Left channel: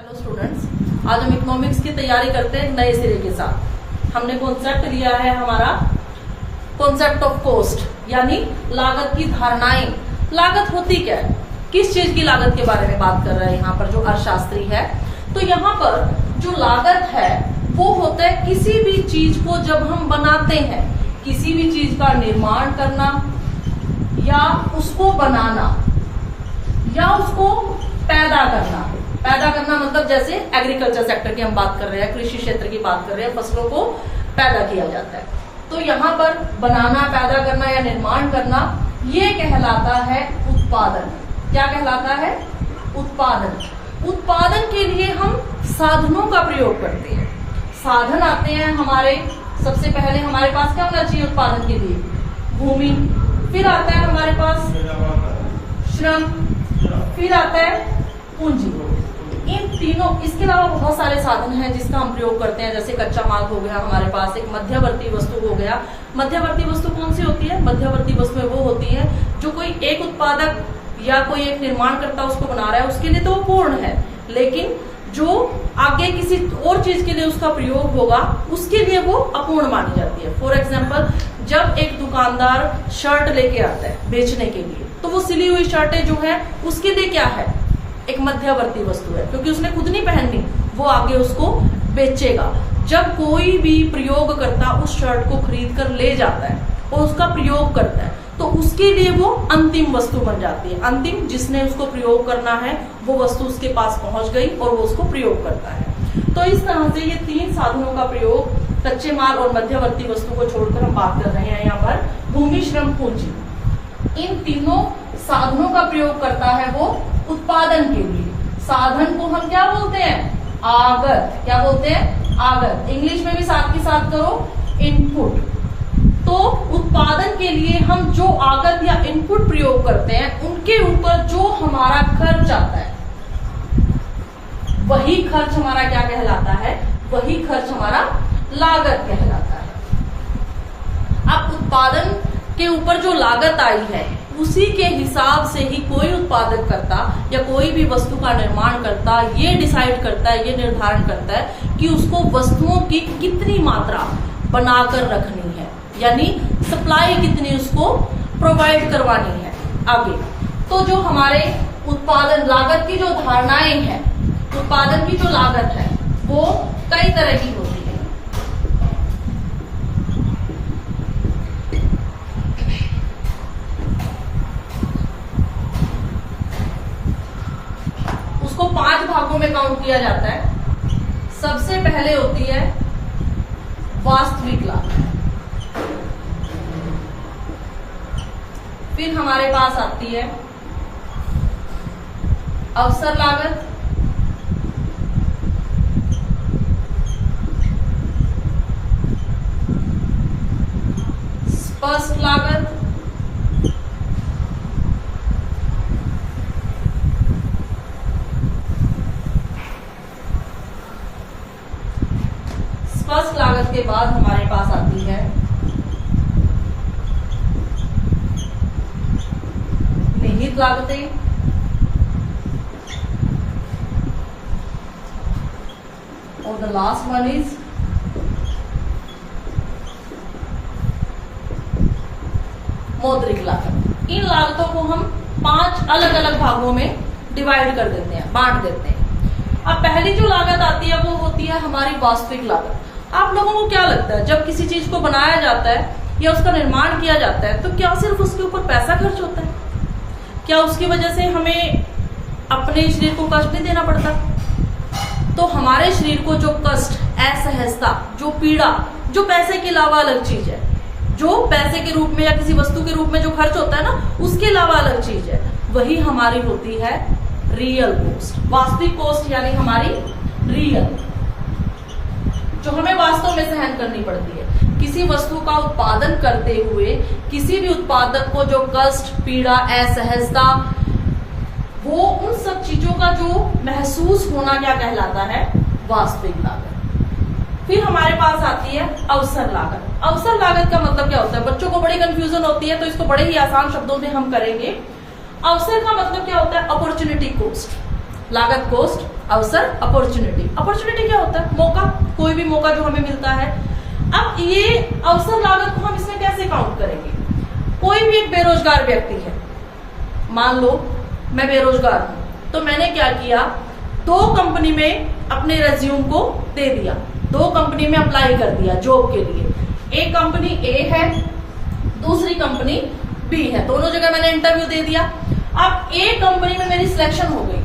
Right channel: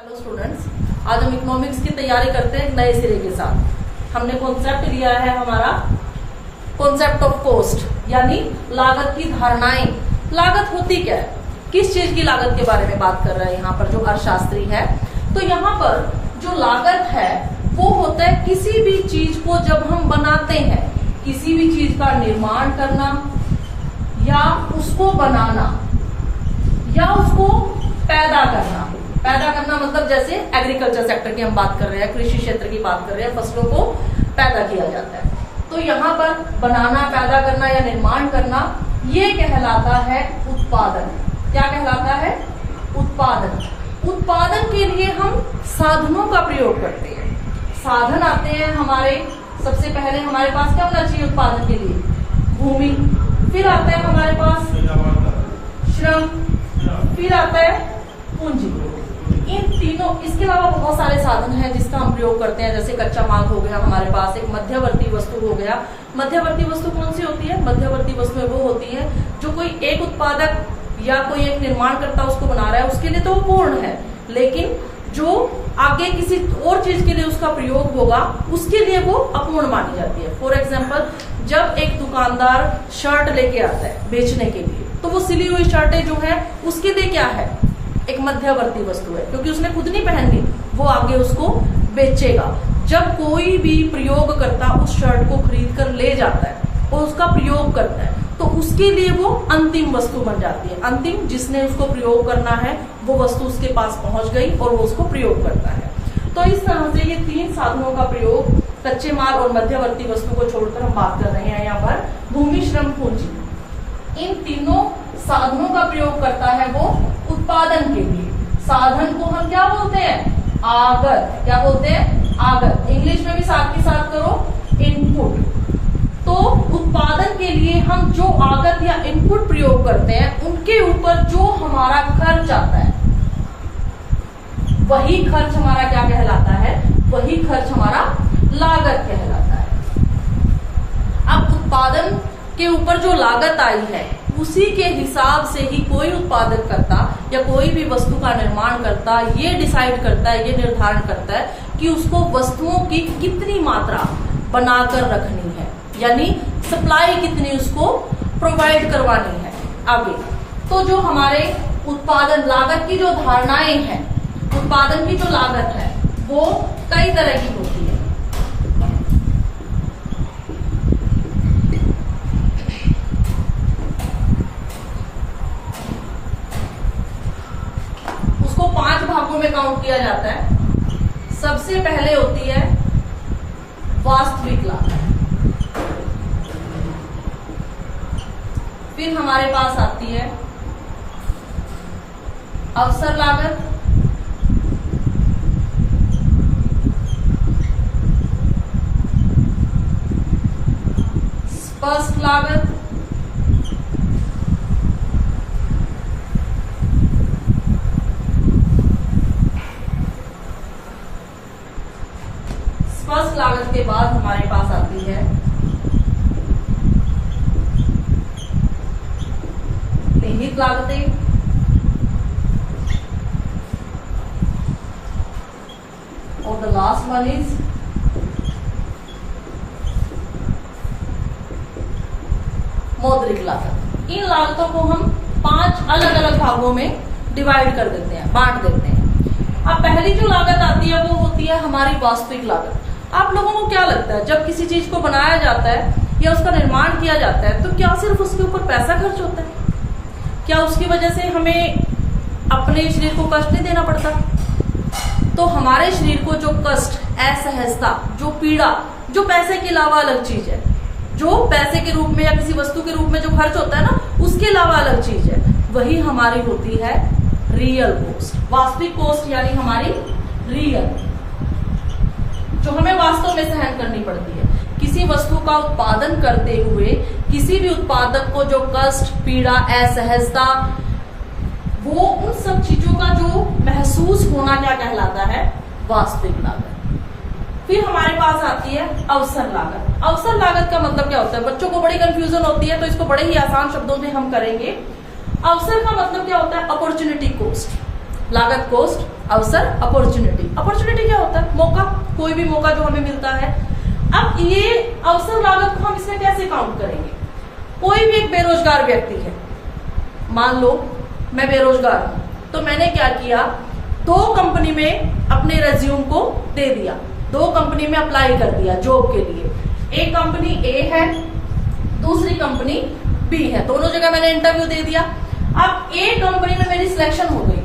Hello students, आज हम economics की तैयारी करते हैं नए सिरे के साथ। हमने कॉन्सेप्ट लिया है हमारा कॉन्सेप्ट ऑफ कॉस्ट, यानी लागत की धारणाएं। लागत होती क्या है, किस चीज की लागत के बारे में बात कर रहे हैं यहाँ पर जो अर्थशास्त्री है। तो यहाँ पर जो लागत है वो होता है किसी भी चीज को जब हम बनाते हैं, किसी भी चीज का निर्माण करना या उसको बनाना या उसको पैदा करना। पैदा करना मतलब जैसे एग्रीकल्चर सेक्टर की हम बात कर रहे हैं, कृषि क्षेत्र की बात कर रहे हैं, फसलों को पैदा किया जाता है। तो यहाँ पर बनाना, पैदा करना या निर्माण करना, ये कहलाता है उत्पादन। क्या कहलाता है? उत्पादन। उत्पादन के लिए हम साधनों का प्रयोग करते हैं। साधन आते हैं हमारे, सबसे पहले हमारे पास क्या होना चाहिए उत्पादन के लिए? भूमि। फिर आता है हमारे पास श्रम, फिर आता है पूंजी। इन तीनों, इसके अलावा बहुत सारे साधन हैं जिसका हम प्रयोग करते हैं, जैसे कच्चा माल हो गया हमारे पास, एक मध्यवर्ती वस्तु हो गया। मध्यवर्ती वस्तु कौन सी होती है? मध्यवर्ती वस्तुएं वो होती है जो कोई एक उत्पादक या कोई एक निर्माणकर्ता उसको बना रहा है, उसके लिए तो वो पूर्ण है, लेकिन जो आगे किसी और चीज के लिए उसका प्रयोग होगा उसके लिए वो अपूर्ण मानी जाती है। फॉर एग्जाम्पल, जब एक दुकानदार शर्ट लेके आता है बेचने के लिए, तो वो सिली हुई शर्टें जो है उसके लिए क्या है? एक मध्यवर्ती वस्तु है, क्योंकि उसने खुद नहीं पहननी, वो आगे उसको बेचेगा। जब कोई भी प्रयोगकर्ता उस शर्ट को खरीद कर ले जाता है और उसका प्रयोग करता है, तो उसके लिए वो अंतिम वस्तु बन जाती है। अंतिम, जिसने उसको प्रयोग करना है वो वस्तु उसके पास पहुंच गई और वो उसको प्रयोग करता है। तो इस तरह से ये तीन साधनों का प्रयोग, कच्चे माल और मध्यवर्ती वस्तु को छोड़कर हम बात कर रहे हैं यहाँ पर भूमि, श्रम, पूंजी, इन तीनों साधनों का प्रयोग करता है वो उत्पादन के लिए। साधन को हम क्या बोलते हैं? आगत। क्या बोलते हैं? आगत। इंग्लिश में भी साथ के साथ करो, इनपुट। तो उत्पादन के लिए हम जो आगत या इनपुट प्रयोग करते हैं उनके ऊपर जो हमारा खर्च आता है, वही खर्च हमारा क्या कहलाता है? वही खर्च हमारा लागत कहलाता है। अब उत्पादन के ऊपर जो लागत आई है उसी के हिसाब से ही कोई उत्पादक करता या कोई भी वस्तु का निर्माण करता ये डिसाइड करता है, ये निर्धारण करता है कि उसको वस्तुओं की कितनी मात्रा बनाकर रखनी है, यानी सप्लाई कितनी उसको प्रोवाइड करवानी है आगे। तो जो हमारे उत्पादन लागत की जो धारणाएं हैं, उत्पादन की जो लागत है वो कई तरह की होती है। उसको 5 भागों में काउंट किया जाता है। सबसे पहले होती है वास्तविक लागत, फिर हमारे पास आती है अवसर लागत, स्पष्ट लागत, स्पष्ट लागत के बाद हमारे पास आती है निहित लागतें, और द लास्ट वन इज मौद्रिक लागत। इन लागतों को हम 5 अलग अलग भागों में डिवाइड कर देते हैं, बांट देते हैं। अब पहली जो लागत आती है वो होती है हमारी वास्तविक लागत। आप लोगों को क्या लगता है, जब किसी चीज को बनाया जाता है या उसका निर्माण किया जाता है तो क्या सिर्फ उसके ऊपर पैसा खर्च होता है? क्या उसकी वजह से हमें अपने शरीर को कष्ट नहीं देना पड़ता? तो हमारे शरीर को जो कष्ट, असहजता, जो पीड़ा, जो पैसे के अलावा अलग चीज है, जो पैसे के रूप में या किसी वस्तु के रूप में जो खर्च होता है ना, उसके अलावा अलग चीज है, वही हमारी होती है रियल कॉस्ट। वास्तविक कॉस्ट यानी हमारी रियल, जो हमें वास्तव में सहन करनी पड़ती है। किसी वस्तु का उत्पादन करते हुए किसी भी उत्पादक को जो कष्ट, पीड़ा, असहजता, वो उन सब चीजों का जो महसूस होना क्या कहलाता है? वास्तविक लागत। फिर हमारे पास आती है अवसर लागत। अवसर लागत का मतलब क्या होता है? बच्चों को बड़ी कंफ्यूजन होती है, तो इसको बड़े ही आसान शब्दों में हम करेंगे। अवसर का मतलब क्या होता है? Opportunity cost. लागत, कोस्ट, अवसर, अपॉर्चुनिटी। अपॉर्चुनिटी क्या होता है? मौका, कोई भी मौका जो हमें मिलता है। अब ये अवसर लागत को हम इसमें कैसे काउंट करेंगे? कोई भी एक बेरोजगार व्यक्ति है, मान लो मैं बेरोजगार हूं, तो मैंने क्या किया, 2 कंपनी में अपने रेज्यूम को दे दिया, 2 कंपनी में अप्लाई कर दिया जॉब के लिए। एक कंपनी ए है, दूसरी कंपनी बी है, दोनों जगह मैंने इंटरव्यू दे दिया। अब ए कंपनी में मेरी सिलेक्शन हो गई,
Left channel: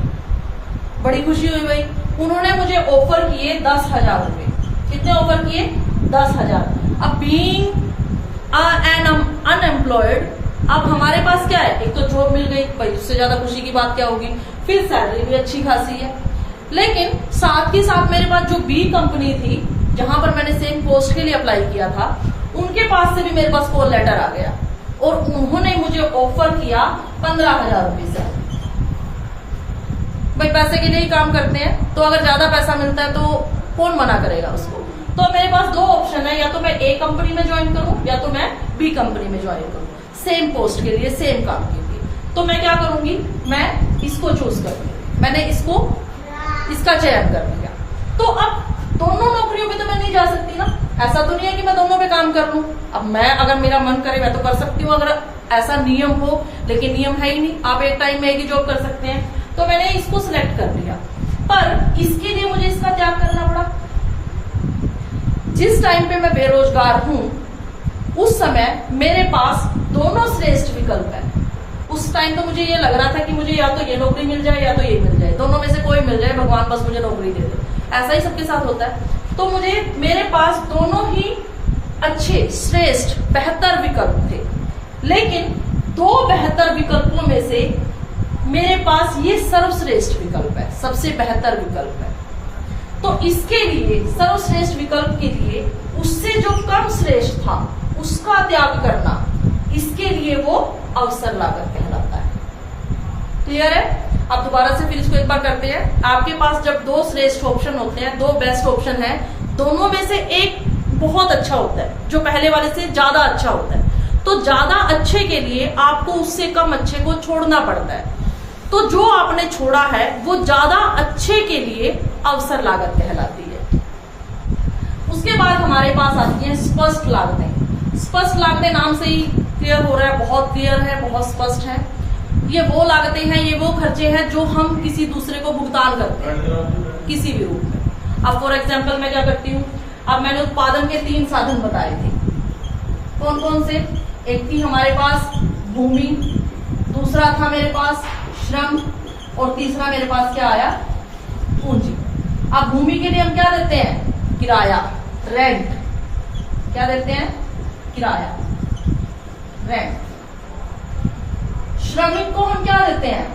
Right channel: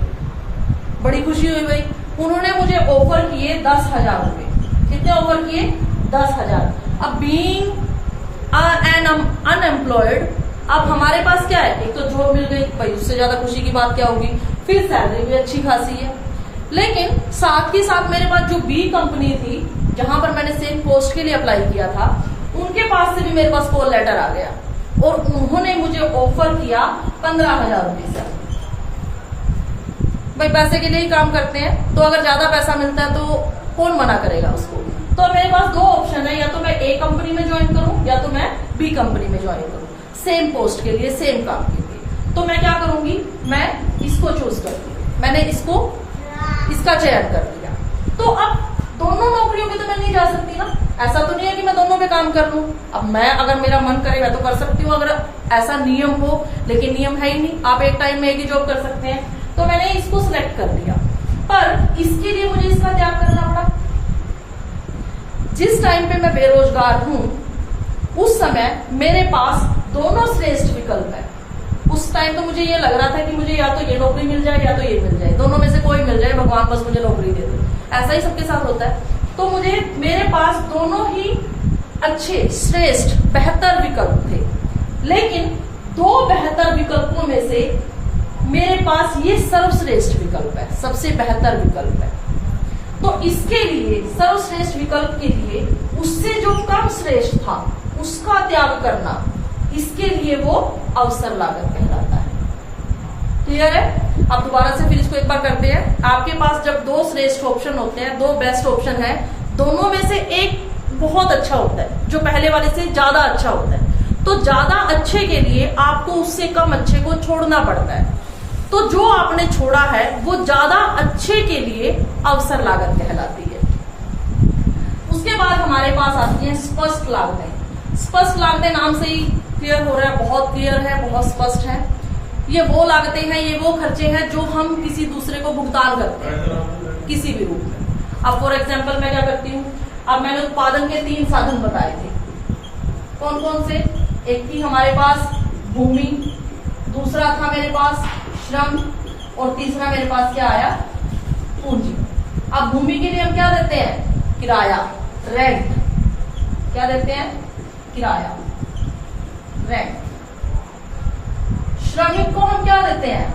बड़ी खुशी हुई भाई। उन्होंने मुझे ऑफर किए 10,000 रुपए। कितने ऑफर किए? 10,000। अब बीइंग एन अनएम्प्लॉयड, अब हमारे पास क्या है, एक तो जॉब मिल गई भाई, उससे ज्यादा खुशी की बात क्या होगी, फिर सैलरी भी अच्छी खासी है। लेकिन साथ ही साथ मेरे पास जो बी कंपनी थी, जहां पर मैंने सेम पोस्ट के लिए अप्लाई किया था, उनके पास से भी मेरे पास कॉल लेटर आ गया और उन्होंने मुझे ऑफर किया 15,000 रुपये से। भाई पैसे के लिए ही काम करते हैं, तो अगर ज्यादा पैसा मिलता है तो कौन मना करेगा उसको। तो मेरे पास 2 ऑप्शन है, या तो मैं ए कंपनी में ज्वाइन करूं या तो मैं बी कंपनी में ज्वाइन करूं, सेम पोस्ट के लिए, सेम काम के लिए। तो मैं क्या करूंगी, मैं इसको चूज करती, मैंने इसका चयन कर दिया। तो अब दोनों नौकरियों पे तो मैं नहीं जा सकती ना, ऐसा तो नहीं है कि मैं दोनों पे काम कर लूं। अब मैं, अगर मेरा मन करे मैं तो कर सकती हूँ, अगर ऐसा नियम हो, लेकिन नियम है ही नहीं, आप एक टाइम में एक ही जॉब कर सकते हैं। तो मैंने इसको सिलेक्ट कर लिया, पर इसके लिए मुझे इसका त्याग करना पड़ा। जिस टाइम पे मैं बेरोजगार हूं, उस समय मेरे पास दोनों श्रेष्ठ विकल्प है। उस टाइम तो मुझे ये लग रहा था कि मुझे या तो ये नौकरी मिल जाए या तो ये मिल जाए, दोनों में से कोई मिल जाए, भगवान बस मुझे नौकरी दे दे, ऐसा ही सबके साथ होता है। तो मेरे पास दोनों ही अच्छे, श्रेष्ठ, बेहतर विकल्प थे, लेकिन 2 बेहतर विकल्पों में से मेरे पास ये सर्वश्रेष्ठ विकल्प है, सबसे बेहतर विकल्प है। तो इसके लिए, सर्वश्रेष्ठ विकल्प के लिए, उससे जो कम श्रेष्ठ था उसका त्याग करना, इसके लिए वो अवसर लागत कहलाता है। क्लियर है? अब दोबारा से फिर इसको एक बार करते हैं। आपके पास जब 2 श्रेष्ठ ऑप्शन होते हैं, 2 बेस्ट ऑप्शन है, दोनों में से एक बहुत अच्छा होता है, जो पहले वाले से ज्यादा अच्छा होता है, तो ज्यादा अच्छे के लिए आपको उससे कम अच्छे को छोड़ना पड़ता है। तो जो आपने छोड़ा है वो ज्यादा अच्छे के लिए अवसर लागत कहलाती है। उसके बाद हमारे पास आती है स्पष्ट लागतें। स्पष्ट लागतें नाम से ही क्लियर हो रहा है, बहुत क्लियर है, बहुत स्पष्ट है। ये वो लागतें हैं, ये वो खर्चे हैं जो हम किसी दूसरे को भुगतान करते हैं किसी भी रूप में। अब फॉर एग्जाम्पल मैं क्या करती हूँ, अब मैंने उत्पादन के 3 साधन बताए थे, कौन कौन से? एक थी हमारे पास भूमि, दूसरा था मेरे पास श्रम, और तीसरा मेरे पास क्या आया? पूंजी। अब भूमि के लिए हम क्या देते हैं? किराया, रेंट। क्या देते हैं? किराया, रेंट। श्रमिक को हम क्या देते हैं?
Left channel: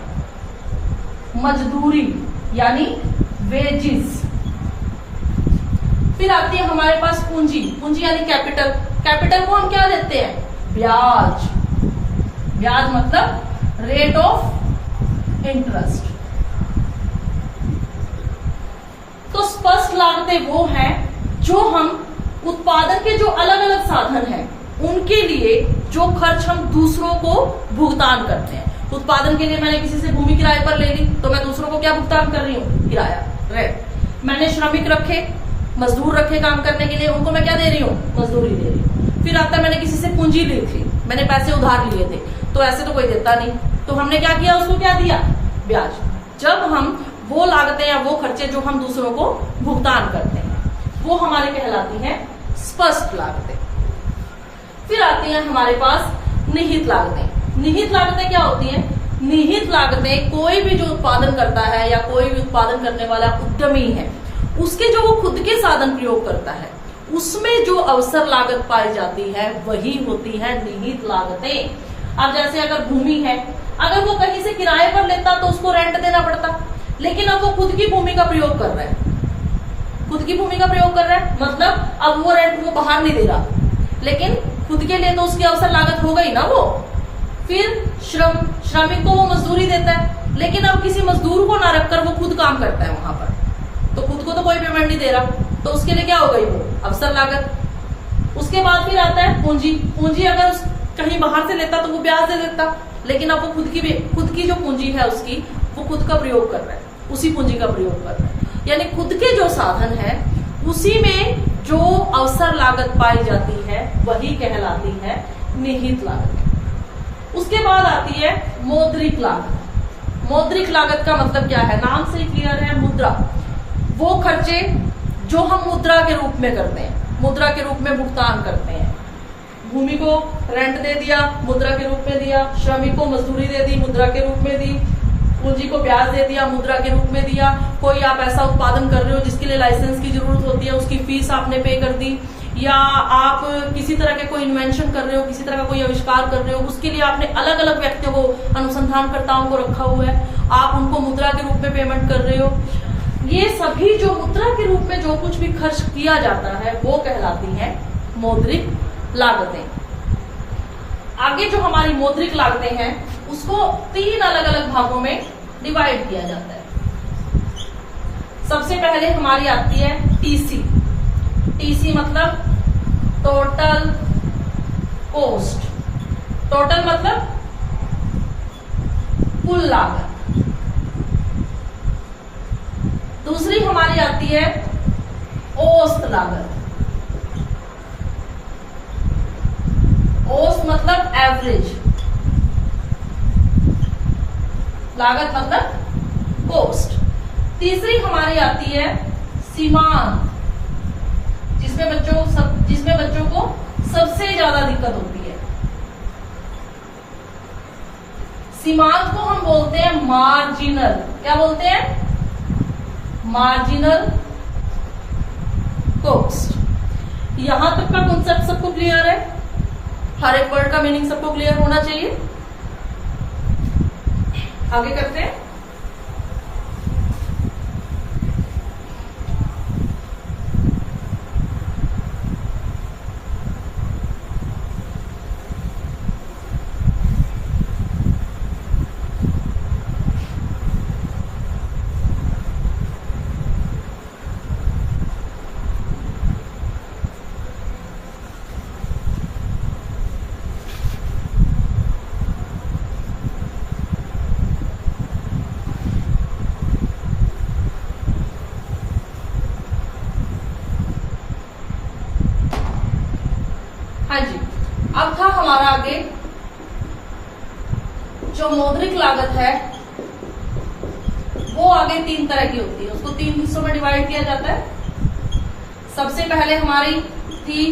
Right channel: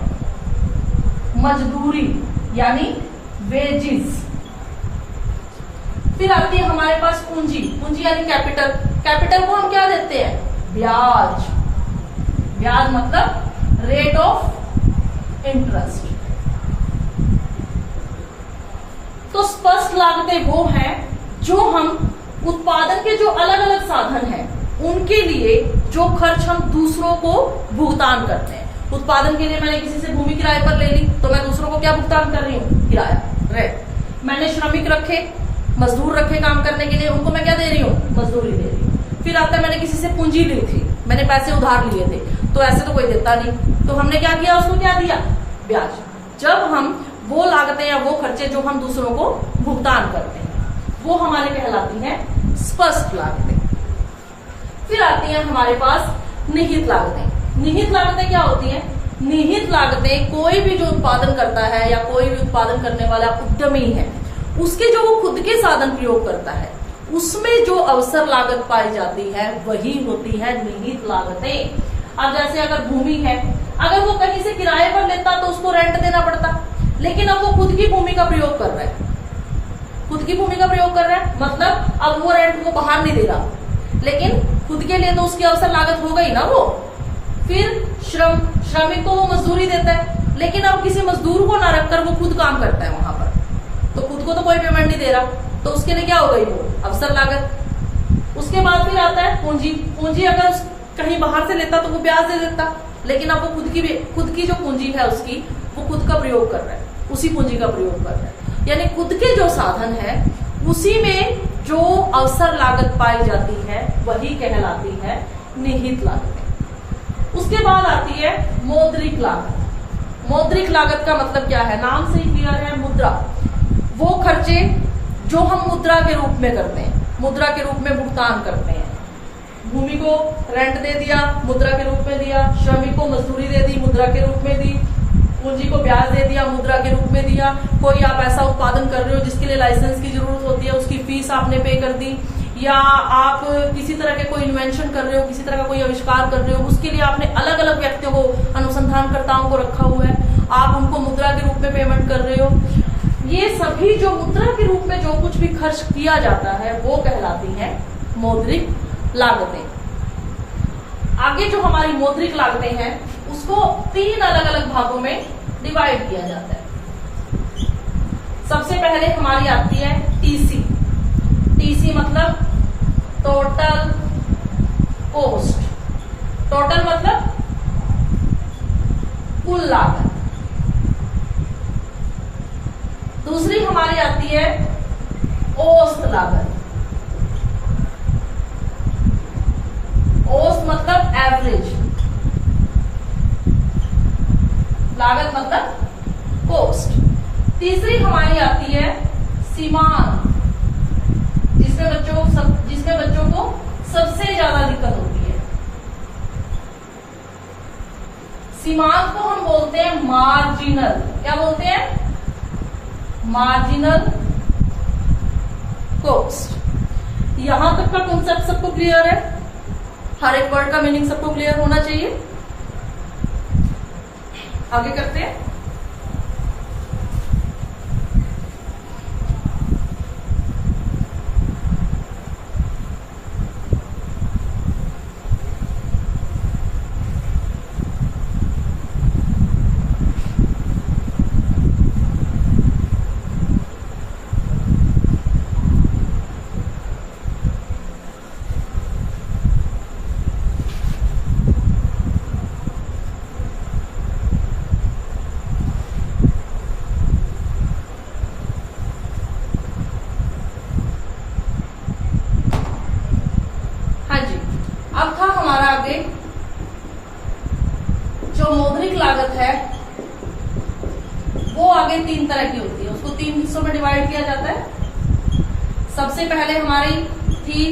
मजदूरी, यानी वेजिस। फिर आती है हमारे पास पूंजी। पूंजी यानी कैपिटल। कैपिटल को हम क्या देते हैं? ब्याज। ब्याज मतलब रेट ऑफ इंटरेस्ट। तो स्पष्ट लागतें वो हैं जो हम उत्पादन के जो अलग अलग साधन हैं उनके लिए जो खर्च हम दूसरों को भुगतान करते हैं। उत्पादन के लिए मैंने किसी से भूमि किराए पर ले ली, तो मैं दूसरों को क्या भुगतान कर रही हूँ? किराया, रेंट। मैंने श्रमिक रखे, मजदूर रखे काम करने के लिए, उनको मैं क्या दे रही हूँ? मजदूरी दे रही हूँ। फिर आता है मैंने किसी से पूंजी ली थी, मैंने पैसे उधार लिए थे, तो ऐसे तो कोई देता नहीं, तो हमने क्या किया? उसको क्या दिया? ब्याज। जब हम वो लागतें या वो खर्चे जो हम दूसरों को भुगतान करते हैं वो हमारे कहलाती हैं स्पष्ट लागतें। फिर आती हैं हमारे पास निहित लागतें। निहित लागतें क्या होती हैं? निहित लागतें कोई भी जो उत्पादन करता है या कोई भी उत्पादन करने वाला उद्यमी है, उसके जो वो खुद के साधन प्रयोग करता है उसमें जो अवसर लागत पाई जाती है वही होती है निहित लागतें। अब जैसे अगर भूमि है, अगर वो कहीं से किराए पर लेता तो उसको रेंट देना पड़ता, लेकिन अब वो खुद की भूमि का प्रयोग कर रहा है, खुद की भूमि का प्रयोग कर रहा है, मतलब अब वो रेंट वो बाहर नहीं दे रहा, लेकिन खुद के लिए तो उसकी अवसर लागत हो गई ना वो। फिर श्रमिक को वो मजदूरी देता है, लेकिन अब किसी मजदूर को ना रखकर वो खुद काम करता है वहां पर, तो खुद को तो कोई पेमेंट नहीं दे रहा, तो उसके लिए क्या हो गई? वो अवसर लागत। उसके बाद फिर आता है पूंजी। पूंजी अगर कहीं बाहर से लेता तो वो ब्याज दे देता, लेकिन अब वो खुद की जो पूंजी है उसकी वो खुद का प्रयोग कर रहा है, उसी पूंजी का प्रयोग कर रहे हैं। यानी खुद के जो साधन है उसी में जो अवसर लागत पाई जाती है वही कहलाती है निहित लागत। उसके बाद आती है मौद्रिक लागत। मौद्रिक लागत का मतलब क्या है, नाम से ही क्लियर है, मुद्रा। वो खर्चे जो हम मुद्रा के रूप में करते हैं, मुद्रा के रूप में भुगतान करते हैं। भूमि को रेंट दे दिया, मुद्रा के रूप में दिया। श्रमिक को मजदूरी दे दी, मुद्रा के रूप में दी। पूंजी को ब्याज दे दिया, मुद्रा के रूप में दिया। कोई आप ऐसा उत्पादन कर रहे हो जिसके लिए लाइसेंस की जरूरत होती है, उसकी फीस आपने पे कर दी। या आप किसी तरह के कोई इन्वेंशन कर रहे हो, किसी तरह का कोई आविष्कार कर रहे हो, उसके लिए आपने अलग अलग व्यक्तियों को, अनुसंधानकर्ताओं को रखा हुआ है, आप उनको मुद्रा के रूप में पेमेंट कर रहे हो। ये सभी जो मुद्रा के रूप में जो कुछ भी खर्च किया जाता है वो कहलाती है मौद्रिक लागतें। आगे जो हमारी मौद्रिक लागतें हैं उसको 3 अलग अलग भागों में डिवाइड किया जाता है। सबसे पहले हमारी आती है टीसी। टीसी मतलब टोटल कॉस्ट। टोटल मतलब कुल लागत। दूसरी हमारी आती है औसत लागत। औसत मतलब एवरेज, लागत मतलब कॉस्ट। तीसरी हमारी आती है सीमांत, जिसमें बच्चों को सबसे ज्यादा दिक्कत होती है। सीमांत को हम बोलते हैं मार्जिनल। क्या बोलते हैं? Marginal cost. यहां तक का कॉन्सेप्ट सबको क्लियर है? हर एक वर्ड का मीनिंग सबको क्लियर होना चाहिए। आगे करते हैं। अब था हमारा आगे जो मौद्रिक लागत है वो आगे 3 तरह की होती है, उसको 3 हिस्सों में डिवाइड किया जाता है। सबसे पहले हमारी थी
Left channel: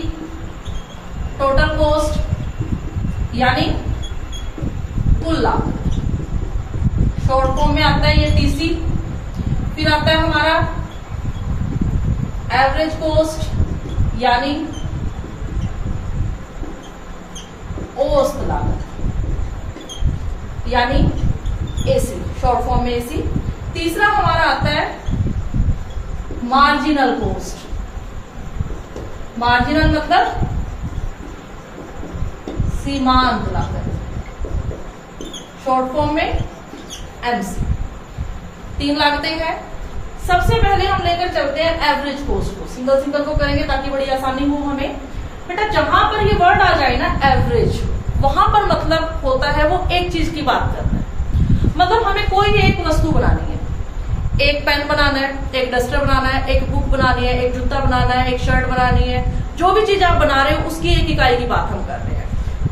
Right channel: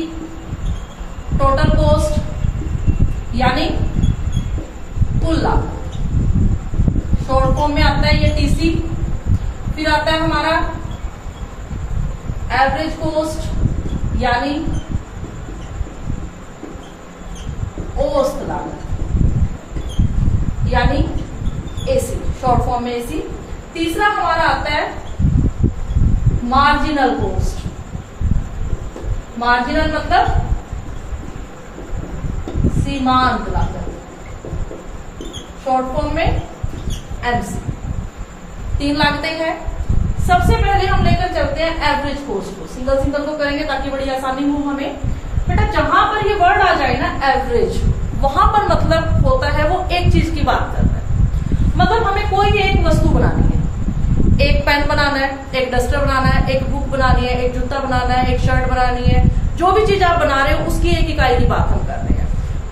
टोटल कॉस्ट यानी कुल लागत, शॉर्ट फॉर्म में आता है ये टीसी। फिर आता है हमारा एवरेज कॉस्ट यानी औसत लागत यानी एसी, शॉर्ट फॉर्म में एसी। तीसरा हमारा आता है मार्जिनल कॉस्ट। मार्जिनल मतलब सीमांत लागत, शॉर्ट फॉर्म में एमसी। 3 लागतें हैं। सबसे पहले हम लेकर चलते हैं एवरेज कॉस्ट को। सिंगल सिंगल को करेंगे ताकि बड़ी आसानी हो हमें। बेटा जहां पर ये वर्ड आ जाए ना एवरेज, वहां पर मतलब होता है वो एक चीज की बात कर रहे हैं। मतलब हमें कोई एक वस्तु बनानी है, एक पेन बनाना है, एक डस्टर बनाना है, एक बुक बनानी है, एक जूता बनाना है, एक शर्ट बनानी है। जो भी चीज आप बना रहे हो उसकी एक इकाई की बात हम कर रहे हैं।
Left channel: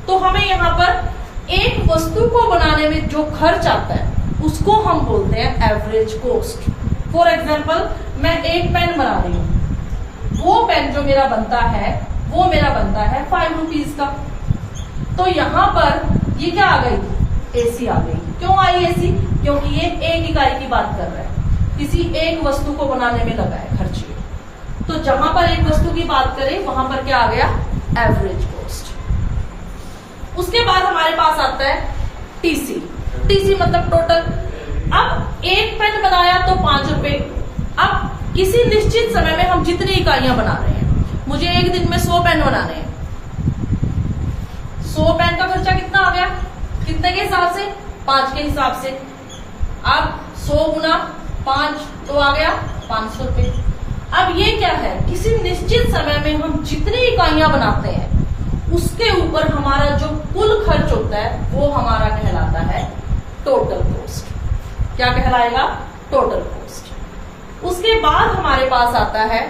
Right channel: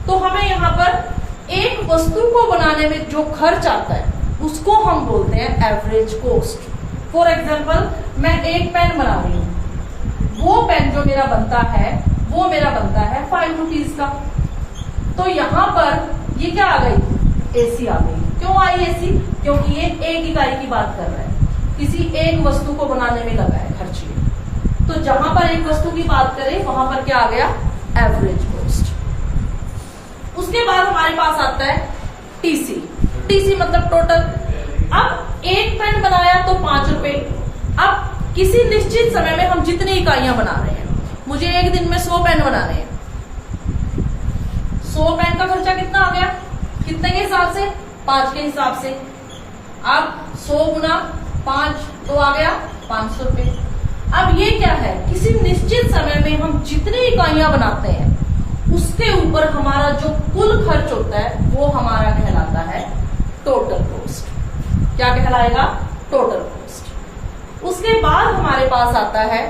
तो हमें यहाँ पर एक वस्तु को बनाने में जो खर्च आता है उसको हम बोलते हैं एवरेज कॉस्ट। फॉर एग्जाम्पल मैं एक पेन बना रही हूँ, वो पेन जो मेरा बनता है वो मेरा बनता है 5 रुपीज का। तो यहाँ पर ये क्या आ गई? एसी आ गई। क्यों आई एसी? क्योंकि ये एक इकाई की बात कर रहा है, किसी एक वस्तु को बनाने में लगा है खर्च। तो जहां पर एक वस्तु की बात करें वहां पर क्या आ गया? Average cost. उसके बाद हमारे पास आता है टीसी। टीसी मतलब टोटल। अब एक पेन बनाया तो 5 रुपए। अब किसी निश्चित समय में हम जितनी इकाइयां बना रहे हैं, मुझे एक दिन में 100 पेन बनाने हैं, 100 पेन का खर्चा कितना आ गया? कितने के हिसाब से? 5 के हिसाब से। अब 100 गुना 5 तो आ गया 500 रुपए। अब ये क्या है? किसी निश्चित समय में हम जितनी इकाइयां बनाते हैं उसके ऊपर हमारा जो कुल खर्च होता है वो हमारा कहलाता है टोटल कॉस्ट। क्या कहलाएगा? Total cost. उसके बाद हमारे पास आता है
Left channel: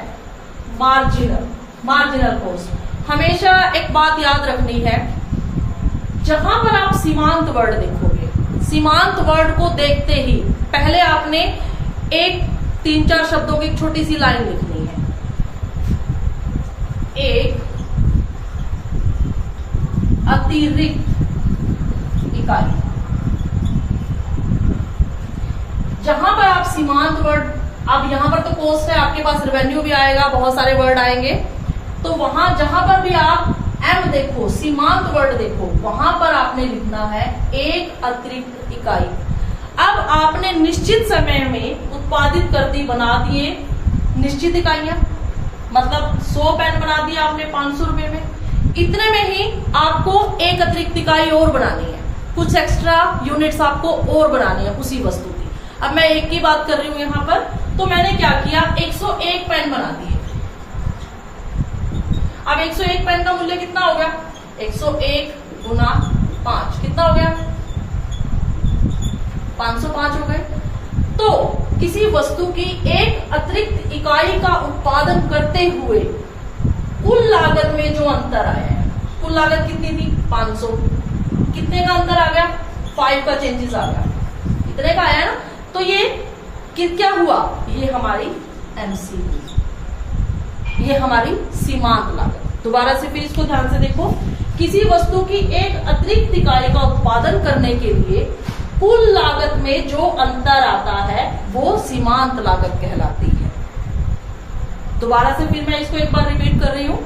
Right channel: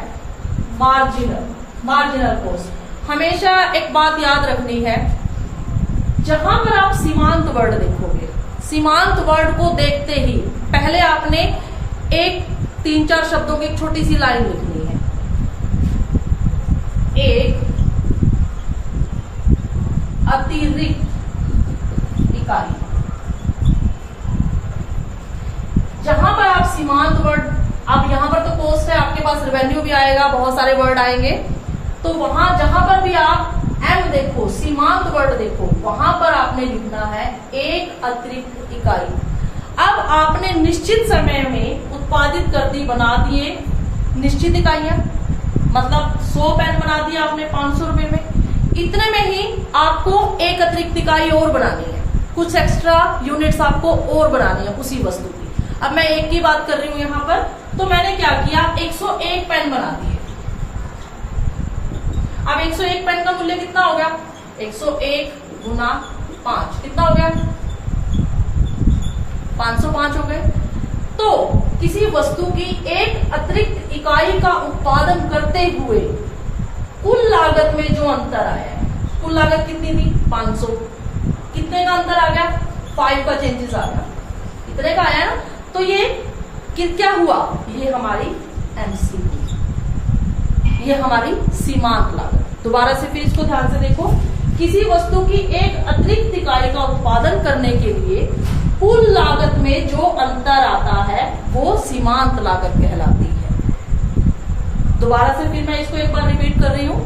मार्जिनल कॉस्ट। हमेशा एक बात याद रखनी है, जहां पर आप सीमांत वर्ड देखोगे, सीमांत वर्ड को देखते ही पहले आपने एक 3-4 शब्दों की एक छोटी सी लाइन लिखनी है। एक अतिरिक्त इकाई। जहां पर आप सीमांत वर्ड, अब यहां पर तो कॉस्ट है, आपके पास रेवेन्यू भी आएगा, बहुत सारे वर्ड आएंगे, तो वहां जहां पर भी आप एम देखो, सीमांत वर्ड देखो, वहां पर आपने लिखना है एक अतिरिक्त इकाई। अब आपने निश्चित समय में उत्पादित कर दी, बना दिए निश्चित इकाइयां, मतलब 100 पेन बना दिया आपने 500 रुपए में, इतने में ही आपको एक अतिरिक्त इकाई और बनानी है, कुछ एक्स्ट्रा यूनिट्स आपको और बनानी है उसी वस्तु की। अब मैं एक की बात कर रही हूं यहां पर, तो मैंने क्या किया, 101 पेन बना दिए। अब 101 पेन का मूल्य कितना हो गया, 101 गुना 5 कितना हो गया, 505 हो गए। तो किसी वस्तु की एक अतिरिक्त इकाई का उत्पादन करते हुए कुल लागत में जो अंतर आया है, कुल लागत कितनी थी 500, कितने का अंतर आ गया, 5 का चेंजेस आ गया, इतने का आया ना। तो ये क्या हुआ, ये हमारी एमसी, ये हमारी सीमांत लागत। दोबारा से फिर इसको ध्यान से देखो, किसी वस्तु की एक अतिरिक्त इकाई का उत्पादन करने के लिए कुल लागत में जो अंतर आता है वो सीमांत लागत कहलाती है। दोबारा से फिर मैं इसको एक बार रिपीट कर रही हूँ।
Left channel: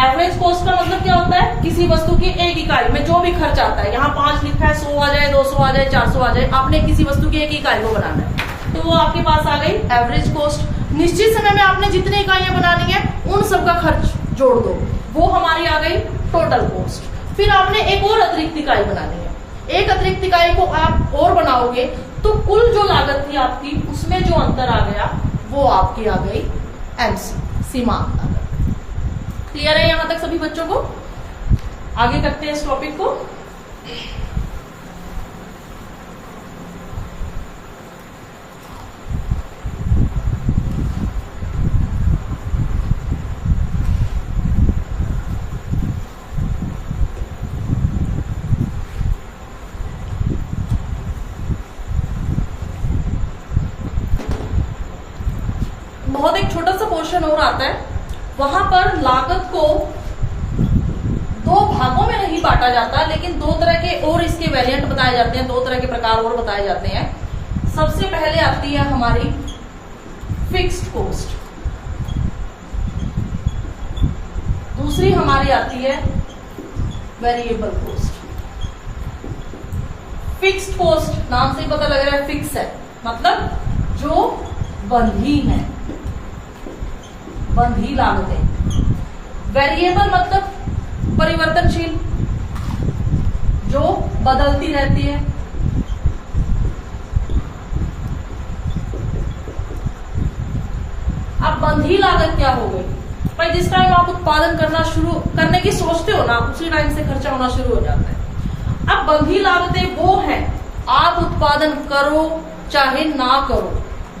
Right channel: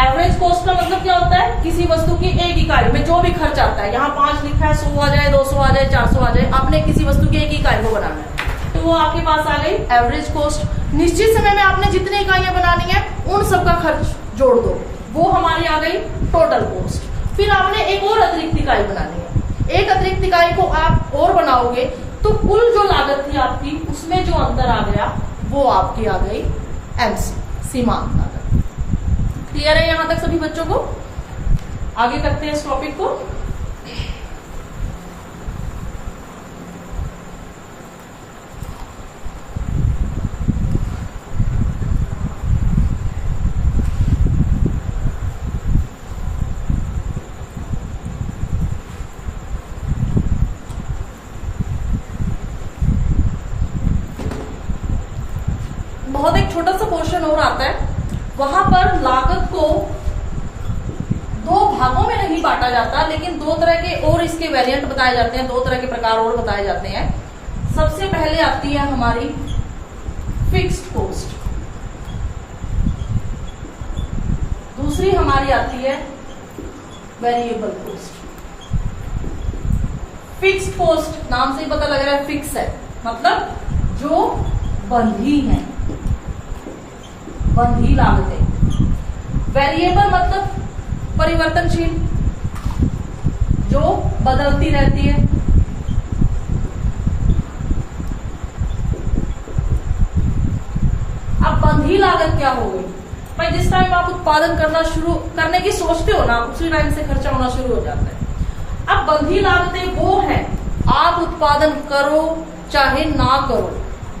एवरेज कॉस्ट का मतलब क्या होता है, किसी वस्तु की एक इकाई में जो भी खर्च आता है, यहाँ 5 लिखा है, 100 आ जाए, 200 आ जाए, 400 आ जाए, आपने किसी वस्तु की एक इकाई को बनाना है, तो वो आपके पास आ गई एवरेज कॉस्ट। निश्चित समय में आपने जितनी इकाइयां बनानी है उन सबका खर्च जोड़ दो, वो हमारी आ गई टोटल कॉस्ट। फिर आपने एक और अतिरिक्त इकाई बनानी है, एक अतिरिक्त इकाई को आप और बनाओगे तो कुल जो लागत थी आपकी, उसमें जो अंतर आ गया वो आपकी आ गई एमसी, सीमांत लागत। क्लियर है यहां तक सभी बच्चों को? आगे करते हैं इस टॉपिक को। बहुत एक छोटा सा पोर्शन और आता है, वहां पर लागत को 2 भागों में नहीं बांटा जाता, लेकिन 2 तरह के और इसके वेरिएंट बताए जाते हैं, 2 तरह के प्रकार और बताए जाते हैं। सबसे पहले आती है हमारी फिक्स्ड कॉस्ट, दूसरी हमारी आती है वेरिएबल कॉस्ट। फिक्स्ड कॉस्ट नाम से ही पता लग रहा है फिक्स है, मतलब जो बंधी है, बंधी लागतें। वेरिएबल मतलब परिवर्तनशील, जो बदलती रहती है। अब बंधी लागत क्या हो गई भाई, जिस टाइम आप उत्पादन करना शुरू करने की सोचते हो ना, उसी टाइम से खर्चा होना शुरू हो जाता है। अब बंधी लागतें वो हैं, आप उत्पादन करो चाहे ना करो,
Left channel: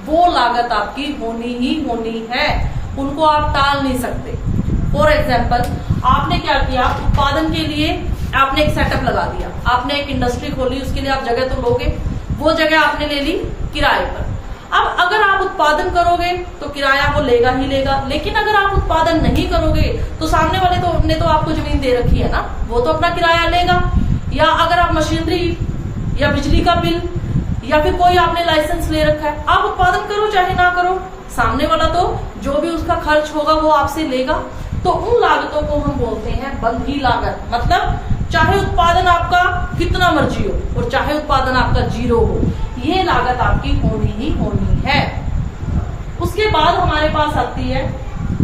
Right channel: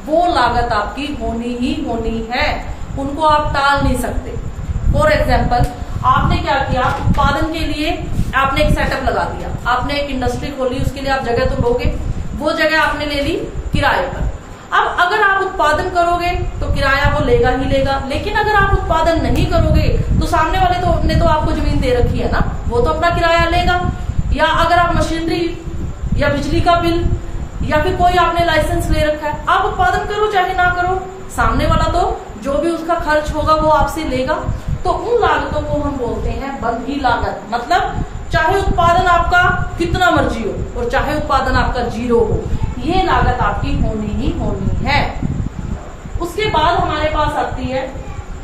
वो लागत आपकी होनी ही होनी है, उनको आप टाल नहीं सकते। फॉर एग्जाम्पल, आपने क्या किया, उत्पादन के लिए आपने एक सेटअप लगा दिया, आपने एक इंडस्ट्री खोली, उसके लिए आप जगह तो लोगे, वो जगह आपने ले ली किराए पर। अब अगर आप उत्पादन करोगे तो किराया वो लेगा ही लेगा, लेकिन अगर आप उत्पादन नहीं करोगे तो सामने वाले ने तो आपको जमीन दे रखी है ना, वो तो अपना किराया लेगा। या अगर आप मशीनरी या बिजली का बिल या फिर कोई आपने लाइसेंस ले रखा है, आप उत्पादन करो चाहे ना करो, सामने वाला तो जो भी उसका खर्च होगा वो आपसे लेगा। तो उन लागतों को हम बोलते हैं बंधी लागत, मतलब चाहे उत्पादन आपका कितना मर्जी हो और चाहे उत्पादन आपका 0 हो, ये लागत आपकी होनी ही होनी है। उसके बाद हमारे पास आती है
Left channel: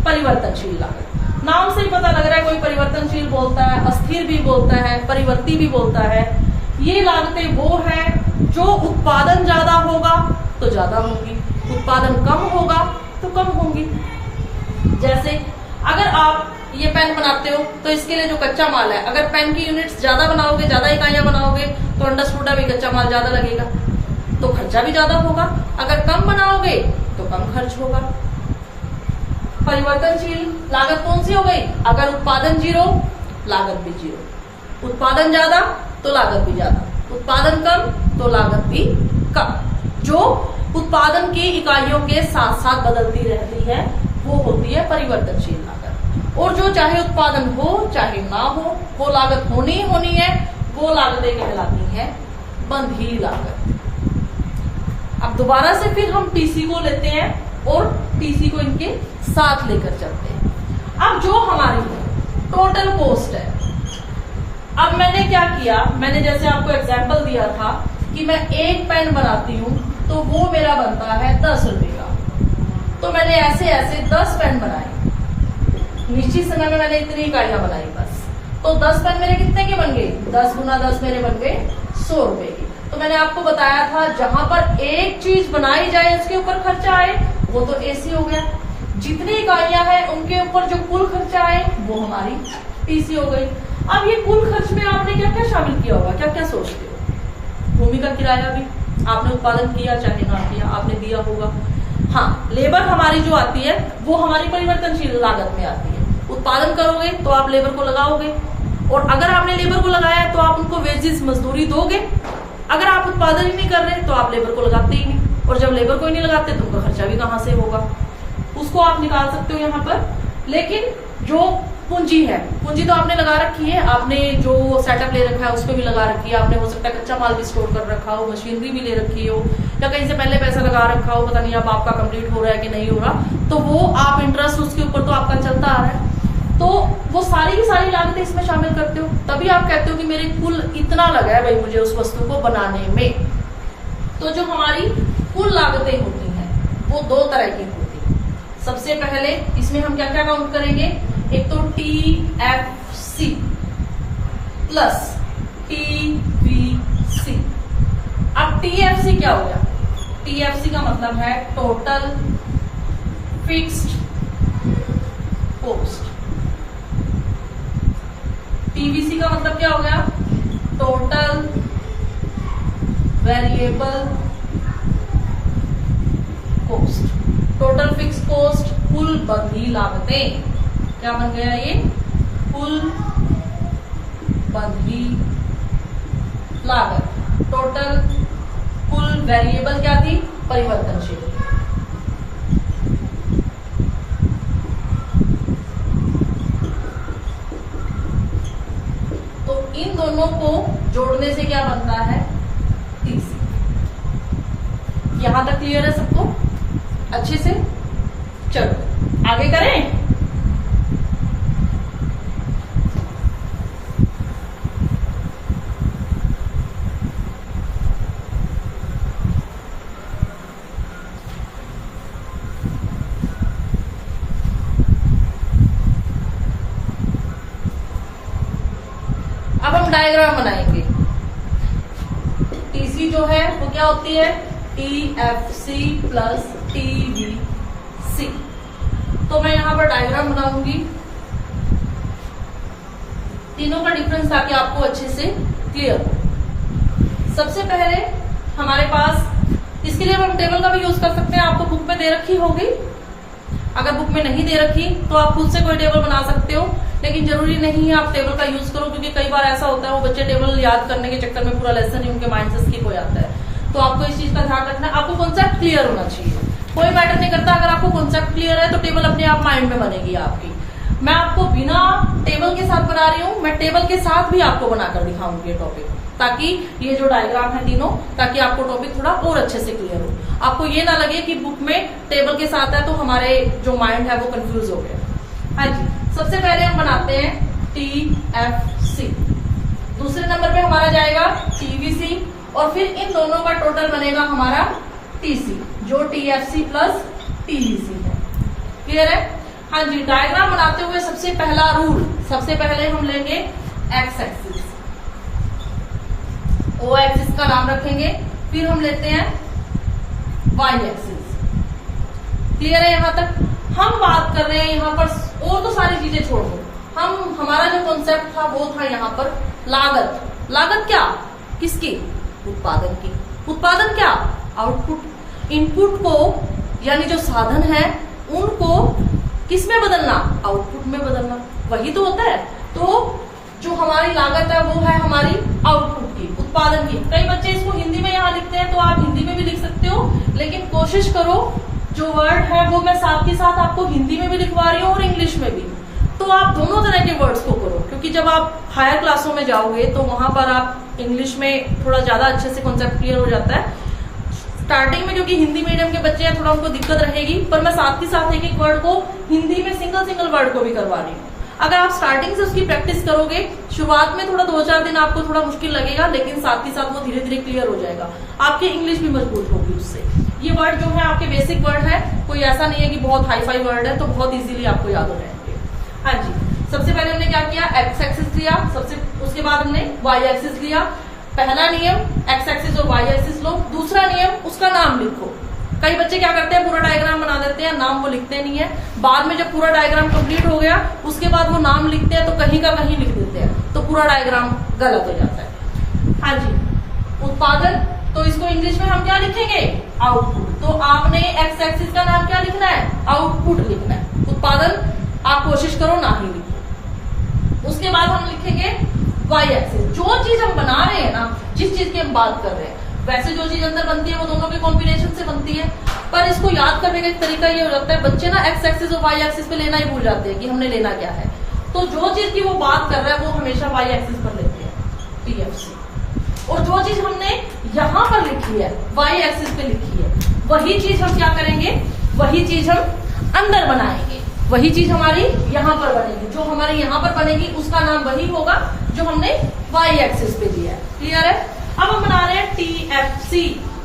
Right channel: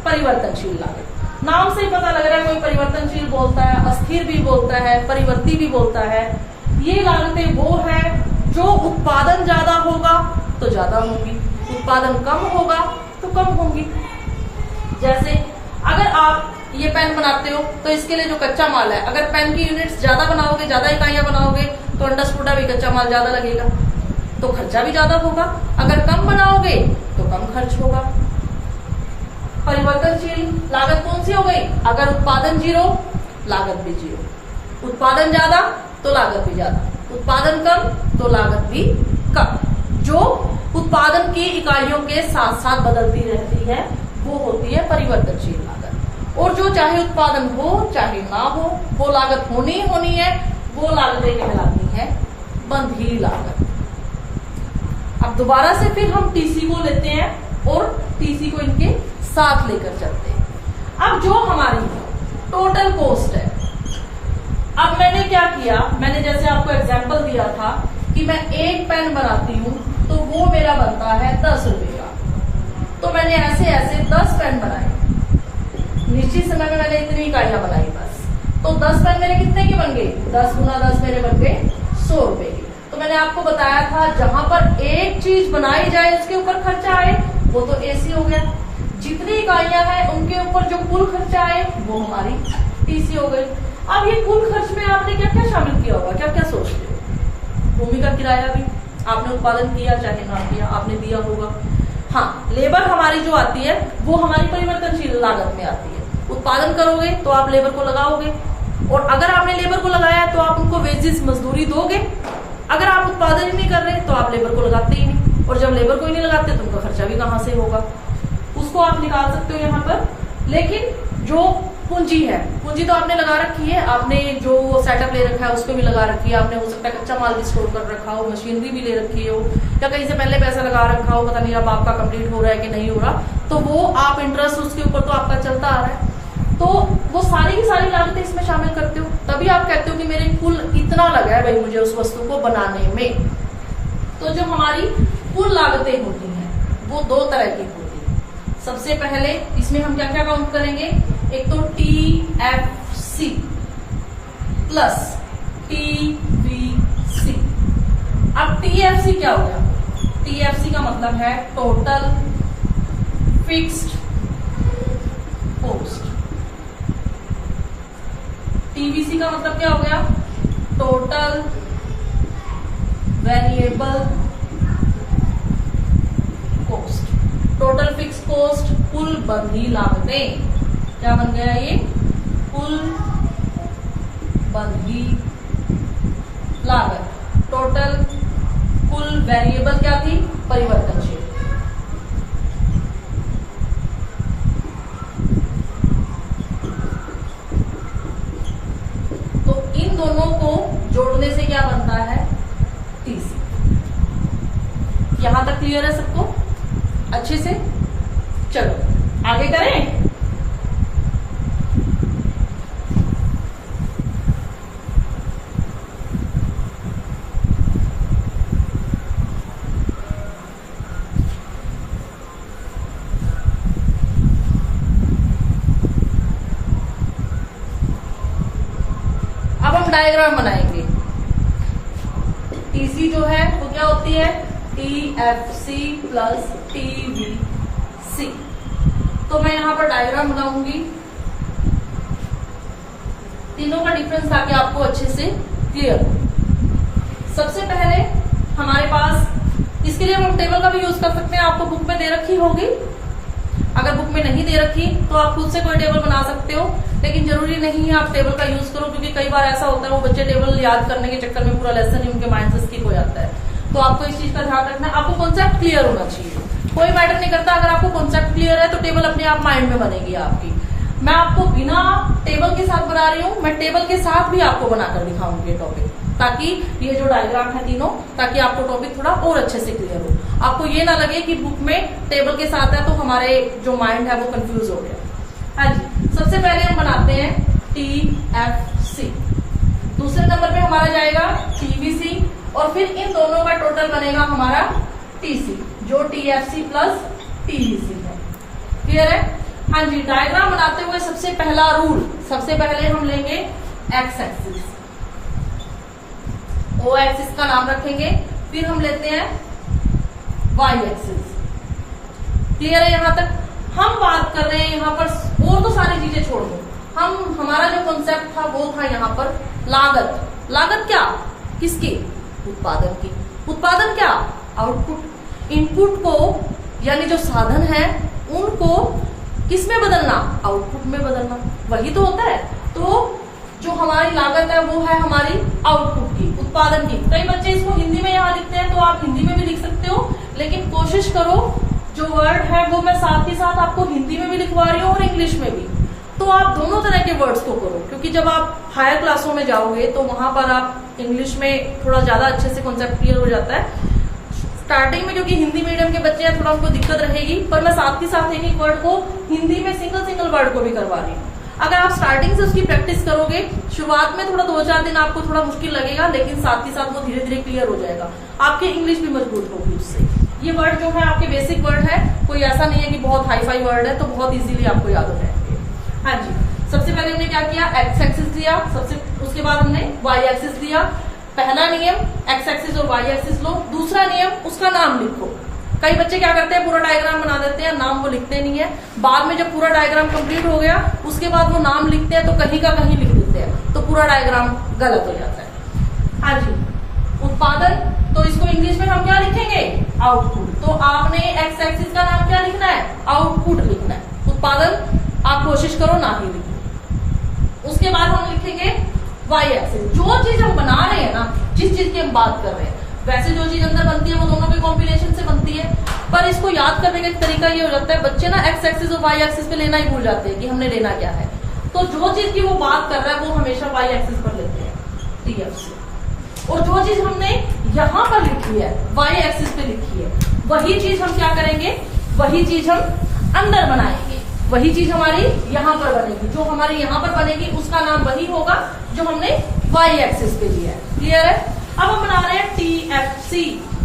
परिवर्तनशील लागत। नाम से ही पता लग रहा है, कोई परिवर्तनशील बोलता है, अस्थिर भी बोलता है, परिवर्ती भी बोलता है। ये लागतें वो है जो उत्पादन ज्यादा होगा तो ज्यादा होगी, उत्पादन कम होगा तो कम होंगी। जैसे अगर आप ये पेन बनाते हो तो इसके लिए जो कच्चा माल है, अगर पेन की यूनिट्स ज्यादा बनाओगे, ज्यादा इकाइयां बनाओगे, तो अंडरस्टूड है भी कच्चा माल ज्यादा लगेगा। तो खर्चा भी ज्यादा होगा, अगर कम बनाओगे तो कम खर्च होगा। परिवर्तनशील लागत कौन सी हो गई? अगर उत्पादन 0 लागत भी 0, उत्पादन ज्यादा तो लागत भी ज्यादा, उत्पादन कम तो लागत भी कम। जो उत्पादन की इकाइयों के साथ साथ बदलती रहती है वो होती है परिवर्तनशील लागत। और जो चाहे उत्पादन हो चाहे ना हो वो लागत होनी ही होनी है, वो लागतें कहलाती है बंधी लागत। अब दोबारा से फिर हम टीसी को लेते हैं और टीसी को इनके साथ लेकर चलते हैं। अब जो हमारी टोटल कॉस्ट है, अब मैंने क्या किया, मैंने जैसे आपको एग्जांपल दिया था कि मैं एक पेन बनाती हूं तो वो मेरा बनता है 10 रुपए का, तो मैंने ऐसे ऐसे 10 पेन बनाए, निश्चित समय में मैंने इतनी इकाइयां बनाई बस, तो 10 पेन मेरे कितने के बन गए? 10 गुना 10 मेरे बन गए 100 रुपए के। तो मैंने आपको बताया था जहां पर एक चीज बनाई जाए उसके ऊपर खर्चा आए वो तो एसी हो गया, जितनी इकाइयां हैं उनके ऊपर जो कुल खर्चा आए वो हमारी टीसी हो गई। अब ये कुल खर्च में आपने क्या क्या शामिल किया होगा, क्या क्या सोचते हो? भूमि का किराया भी आपने उत्पादन किया चाहे ना किया आपने दिया होगा। हाँ, लेबर हमारी जो आती है वो हमारी परिवर्तनशील लागत में आती है। उत्पादन करोगे तो आप लेबर को लगाओगे, और अगर आपने लेबर को लगाया तो आप उनको वेजेस मजदूरी दोगे। अगर आप उत्पादन ही नहीं कर रहे तो आप लेबर को लगाते ही नहीं, और जब लेबर को ही नहीं लगाते तो उनका खर्चा भी कहां से होगा, उसको आप निकाल सकते हो यहाँ पर। लेकिन जो पूंजी है, पूंजी तो आपने लगा रखी है, आपने जो सेटअप ले रखा है उस पर भी लगा रखी है, आपने हो सकता है कच्चा माल भी स्टोर कर रखा हो, मशीनरी भी ले रखी हो, या कहीं से पहले पैसा लगा रखा हो, पता नहीं अब आपका कंप्लीट हो रहा है कि नहीं हो रहा, तो वो आप इंटरेस्ट उसके ऊपर तो आपका चलता आ रहा है, तो वो सारी की सारी लागतें इसमें शामिल करते हो, तभी आप कहते हो कि मेरे कुल इतना लगा है भाई मुझे उस वस्तु को बनाने में। तो जो हमारी कुल लागतें होती हैं वो दो तरह की होती है। सबसे पहले इसमें हम क्या क्या काउंट करेंगे, एक तो TFC प्लस TVC। अब TFC क्या हो गया? TFC का मतलब है टोटल फिक्स्ड कॉस्ट। TVC का मतलब क्या हो गया? Total variable cost. Total fix cost कुल बंधी लागतें, क्या बन गया ये? कुल बंधी लागत। टोटल कुल वेरिएबल क्या थी? परिवर्तनशील। तो इन दोनों को जोड़ने से क्या बनता है? TC। यहां तक क्लियर है सबको अच्छे से? चलो आगे करें। अब हम डायग्राम बनाएंगे। TC जो है वो क्या होती है? TFC plus TVC। तो मैं यहां पर डायग्राम बनाऊंगी तीनों का डिफरेंस ताकि आपको अच्छे से क्लियर हो। सबसे पहले हमारे पास, इसके लिए हम टेबल का भी यूज कर सकते हैं, आपको बुक में दे रखी होगी। अगर बुक में नहीं दे रखी तो आप खुद से कोई टेबल बना सकते हो, लेकिन जरूरी नहीं है आप टेबल का यूज करो, क्योंकि कई बार ऐसा होता है वो बच्चे टेबल याद करने के चक्कर में पूरा लेसन ही उनके माइंड से स्किप हो जाता है। तो आपको इस चीज का ध्यान रखना है, आपको कॉन्सेप्ट क्लियर होना चाहिए। कोई मैटर नहीं करता, अगर आपको कॉन्सेप्ट क्लियर है तो टेबल अपने आप माइंड में बनेगी आपकी। मैं आपको बिना टेबल के साथ बना रही हूँ, मैं टेबल के साथ भी आपको बनाकर दिखाऊंगी ये टॉपिक, ताकि ये जो डायग्राम है तीनों, ताकि आपको टॉपिक थोड़ा और अच्छे से क्लियर हो। आपको ये ना लगे कि बुक में टेबल के साथ है तो हमारे जो माइंड है वो कंफ्यूज हो गया। हाँ जी, सबसे पहले हम बनाते हैं TFC, दूसरे नंबर पे हमारा जाएगा TVC, और फिर इन दोनों का टोटल बनेगा हमारा TC, जो TFC प्लस TVC है। क्लियर है? हाँ जी, डायग्राम बनाते हुए सबसे पहला रूल, सबसे पहले हम लेंगे एक्स एक्सिस, ओ एक्सिस का नाम रखेंगे, फिर हम लेते हैं वाई एक्सिस। क्लियर है यहां तक? हम बात कर रहे हैं यहां पर, और तो सारी चीजें छोड़ दो, हमारा जो कॉन्सेप्ट था वो था यहां पर लागत। लागत क्या? किसकी? उत्पादन की। उत्पादन क्या? आउटपुट। इनपुट को यानी जो साधन है उनको किस में बदलना? आउटपुट में बदलना। वही तो होता है। तो जो हमारी लागत है वो है हमारी आउटपुट की, उत्पादन की। कई बच्चे इसको हिंदी में यहाँ लिखते हैं, तो आप हिंदी में भी लिख सकते हो, लेकिन कोशिश करो जो वर्ड है वो मैं साथ ही साथ आपको हिंदी में भी लिखवा रही हूँ और इंग्लिश में भी। तो आप दोनों तरह के वर्ड्स को करो, क्योंकि जब आप हायर क्लासों में जाओगे तो वहां पर आप इंग्लिश में थोड़ा ज्यादा अच्छे से कॉन्सेप्ट क्लियर हो जाता है। स्टार्टिंग में क्योंकि हिंदी मीडियम के बच्चे हैं, थोड़ा उनको दिक्कत रहेगी, पर मैं साथ ही साथ एक एक वर्ड को हिंदी में सिंगल वर्ड को भी करवा रही हूँ। अगर आप स्टार्टिंग से उसकी प्रैक्टिस करोगे, शुरुआत में थोड़ा 2-4 दिन आपको थोड़ा मुश्किल लगेगा, लेकिन साथ ही साथ वो धीरे धीरे क्लियर हो जाएगा। आपकी इंग्लिश भी मजबूत होगी उससे। ये वर्ड जो है आपके बेसिक वर्ड है, कोई ऐसा नहीं है कि बहुत हाई फाई वर्ड है, तो बहुत इजीली आपको याद हो जाएंगे। हाँ जी, सबसे पहले हमने क्या किया? एक्स एक्सिस लिया, उसके बाद हमने वाई एक्सिस लिया। पहला नियम एक्स एक्सिस और वाई एक्सिस लो। दूसरा नियम उसका नाम लिखो। कई बच्चे क्या करते हैं, पूरा डायग्राम बना देते हैं, नाम वो लिखते नहीं है। बाद में जब पूरा डायग्राम कंप्लीट हो गया उसके बाद वो नाम लिखते हैं तो कहीं का कहीं लिख देते हैं, तो पूरा डायग्राम गलत हो जाता है। हाँ जी, उत्पादन, तो इसको इंग्लिश में हम क्या लिखेंगे? आउटपुट। तो आपने एक्स एक्सिस का नाम क्या लिखना है? आउटपुट लिखना है। उत्पादन आप कोशिश करो ना ही लिखो। उसके बाद हम लिखेंगे वाई एक्सिस। जो चीज हम बना रहे हैं ना, जिस चीज की हम बात कर रहे हैं, वैसे जो चीज अंदर बनती है वो दोनों के कॉम्बिनेशन से बनती है। पर इसको याद करने का एक तरीका ये हो जाता है, बच्चे ना एक्स एक्सिस और वाई एक्सिस पे लेना ही भूल जाते हैं कि हमने लेना क्या है। तो जो चीज की वो बात कर रहा है वो हमेशा वाई एक्सिस पर लेते हैं, TFC। और जो चीज हमने यहाँ पर लिखी है, वाई एक्सिस पे लिखी है, वही चीज हम क्या करेंगे? वही चीज हम अंदर बनाएंगे। वही चीज हमारी यहाँ पर बनेगी। जो हमारे यहाँ पर बनेगी उसका नाम वही होगा जो हमने वाई एक्सिस पे लिया है। क्लियर है? अब हम बना रहे हैं TFC,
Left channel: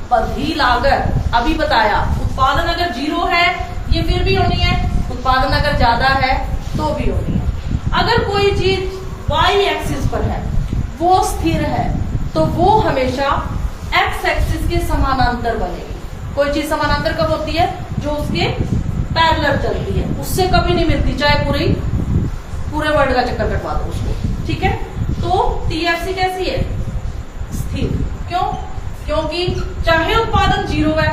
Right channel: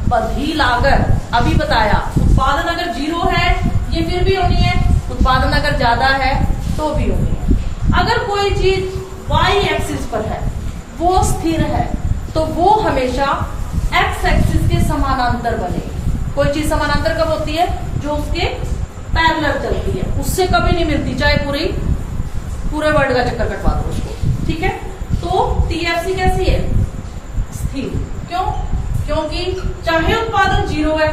बंधी लागत। अभी बताया, उत्पादन अगर 0 है ये फिर भी होनी है, उत्पादन अगर ज्यादा है तो भी होनी है। अगर कोई चीज वाई एक्सिस पर है, वो स्थिर है, तो वो हमेशा एक्स एक्सिस के समानांतर बनेगी। कोई चीज समानांतर कब होती है? जो उसके पैरेलल चलती है, उससे कभी नहीं मिलती, चाहे पूरे वर्ड का चक्कर कटवा दो उसको। ठीक है? तो TFC कैसी है? स्थिर। क्यों? क्योंकि चाहे उत्पादन 0 है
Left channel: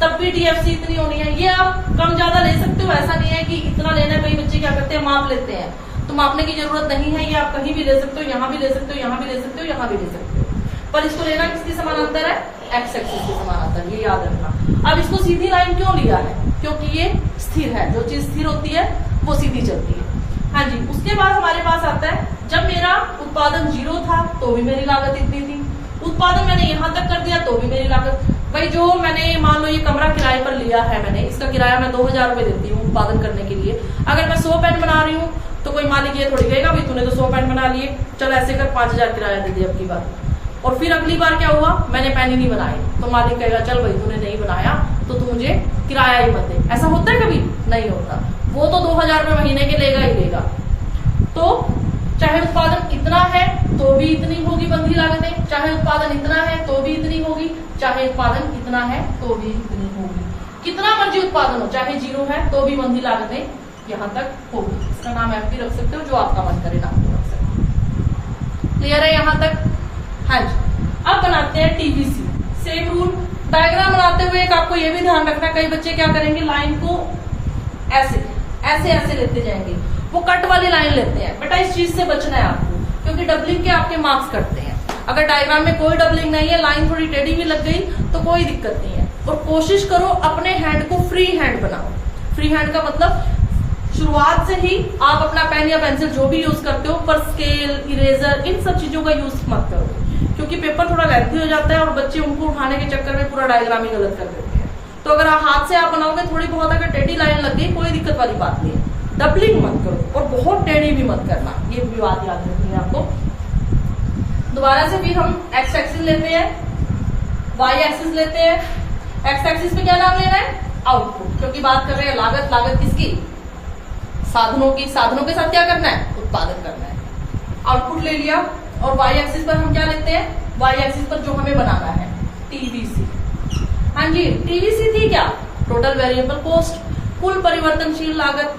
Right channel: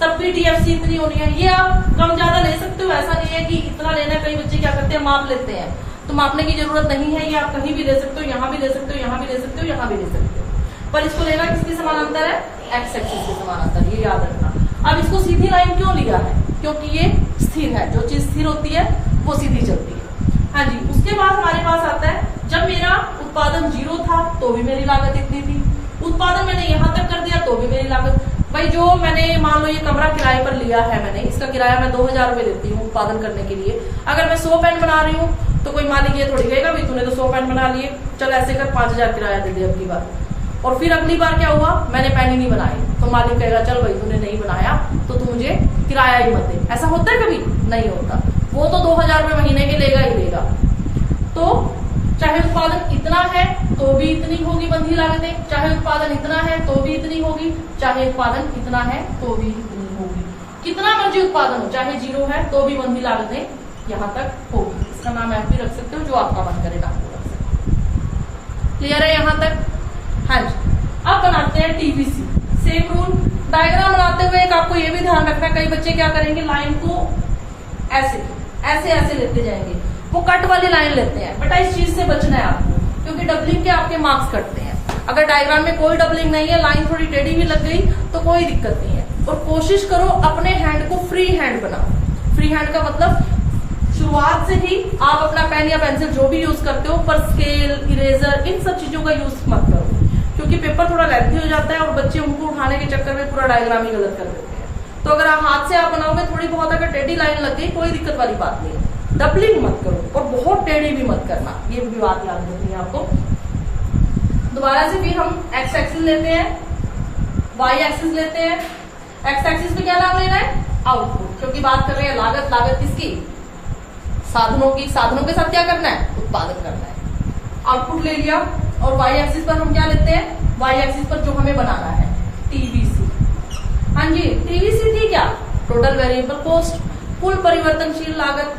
तब भी TFC इतनी होनी है। ये आप कम ज्यादा ले सकते हो, ऐसा नहीं है कि इतना लेना है। कई बच्चे क्या करते हैं, माप लेते हैं, तो मापने की जरूरत नहीं है। ये आप कहीं भी ले सकते हो, यहाँ भी ले सकते हो, यहाँ भी ले सकते हो, यहाँ भी ले सकते हो। पर इसको लेना किसके समानांतर है? एक्स एक्सिस के समानांतर, ये याद रखना। अब इसको सीधी लाइन क्यों लिया है? क्योंकि ये स्थिर है। जो चीज स्थिर होती है वो सीधी चलती है। हाँ जी, उसके बाद हमारे पास आता है, जब मेरा उत्पादन 0 था तो भी मेरी लागत इतनी थी, उत्पादन मैंने यहाँ तक कर दिया तो भी मेरी लागत। भाई जो मैंने मान लो ये कमरा किराए पर लिया है मैंने, इसका किराया मैं 2000 रुपए देती हूँ उत्पादन करने के लिए। अगर मैं 100 पेन बना रही हूँ तो कोई मालिक ये थोड़ी कहेगा भाई तूने तो 100 पेन बना लिए, चल ऐसे कर 5000 किराया दे दे अब की बार। और फिर अगली बार क्या हुआ, मैंने पेन ही नहीं बनाई, तो मालिक कहेगा चल भाई तूने नहीं बनाया तो तू मुझे किराया ही मत दे। ऐसा होता है कभी? नहीं होता। वो तो 2000 रुपए महीने के लेगा ही लेगा। तो चाहे उत्पादन इतना है तो भी इतनी होगी बंधी लागतें, चाहे उत्पादन इतना है तो भी इतनी होगी, चाहे उत्पादन इतना है तो भी इतनी होगी। कितना मर्जी उत्पादन हो, चाहे 0 है तो भी बंधी लागतें यहाँ तक होगी। इसका नाम आप भी रख सकते हो, जो आपका मन करे नाम रख सकते हो। क्लियर है यहाँ तक? हाँ जी, अब बनाते हैं TBC। Same rule. डायग्राम बनाते हुए एक आपको ये भी ध्यान रखना, कई बच्चे क्या करेंगे, लाइन को ऐसे ऐसे ऐसे लेते जाएंगे, वो कट वाली लाइन लेते हैं। बेटा इस चीज से बचना है आपको, क्योंकि डबलिंग के आपके मार्क्स कटते हैं। अगर डायग्राम में कोई डबलिंग नहीं है, लाइन थोड़ी टेढ़ी भी लग गई तो कोई दिक्कत नहीं है। और कोशिश करो अपने हैंड को फ्री हैंड बनाओ। फ्री हैंड का मतलब शुरुआत से ही आप अपना पेन या पेंसिल जो भी यूज करते हो, पर स्केल, इरेजर, इन सब चीजों का यूज मत करो, क्योंकि पेपर थोड़ा लेंथी हो जाता है और बच्चे उनको उठाने के चक्कर में पूरा डायग्राम ही गलत कर देते हैं। तो अगर हाथ से आप बनाओगे, थोड़ी बहुत अगर टेढ़ी लाइन लग गई कोई दिक्कत वाली बात नहीं है। डबलिंग मत करो और बहुत टेढ़ी भी मत करना, ये भी बात याद रखनी है आपको। दोबारा से भी हम एक्स एक्सिस लेते हैं, वाई एक्सिस लेते हैं। एक्स एक्सिस पे क्या नाम लेना है? आउटपुट, क्योंकि बात कर रहे हैं लागत। लागत किसकी? साधनों की। साधनों के साथ क्या करना है? उत्पादन करना है। आउटपुट ले लिया। और वाई एक्सिस पर हम क्या लेते हैं? वाई एक्सिस पर जो हमें बनाना है, TBC। हाँ जी, TBC थी क्या? टोटल वेरिएबल कॉस्ट, कुल परिवर्तनशील लागत।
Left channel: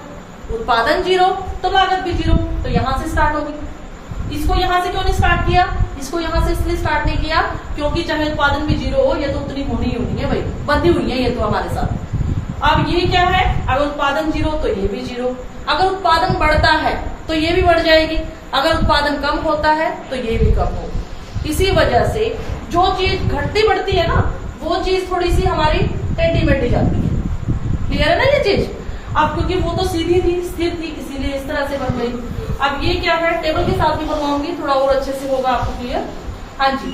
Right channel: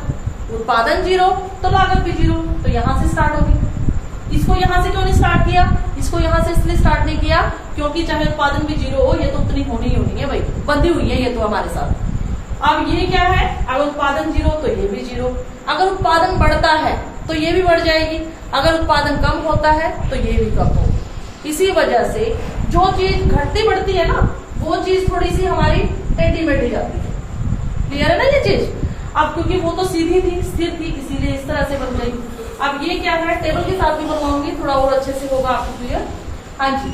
उत्पादन 0 तो लागत भी 0, तो यहां से स्टार्ट होगी। इसको यहां से क्यों नहीं स्टार्ट किया? इसको यहाँ से इसलिए स्टार्ट नहीं किया क्योंकि चाहे उत्पादन भी 0 हो, ये तो उतनी होनी ही होनी है भाई, बंधी हुई है ये तो हमारे साथ। अब ये क्या है, अगर उत्पादन 0 तो ये भी 0, अगर उत्पादन बढ़ता है तो ये भी बढ़ जाएगी, अगर उत्पादन कम होता है तो ये भी कम होगी। इसी वजह से जो चीज घटती बढ़ती है ना, वो चीज थोड़ी सी हमारी टेढ़ी मेढ़ी जाती है। क्लियर है ना ये चीज? अब क्योंकि वो तो सीधी थी, स्थिर थी, इसीलिए इस तरह से बन गई। अब ये क्या है, टेबल के साथ भी बनवाऊंगी, थोड़ा और अच्छे से होगा आपको क्लियर। हाँ जी,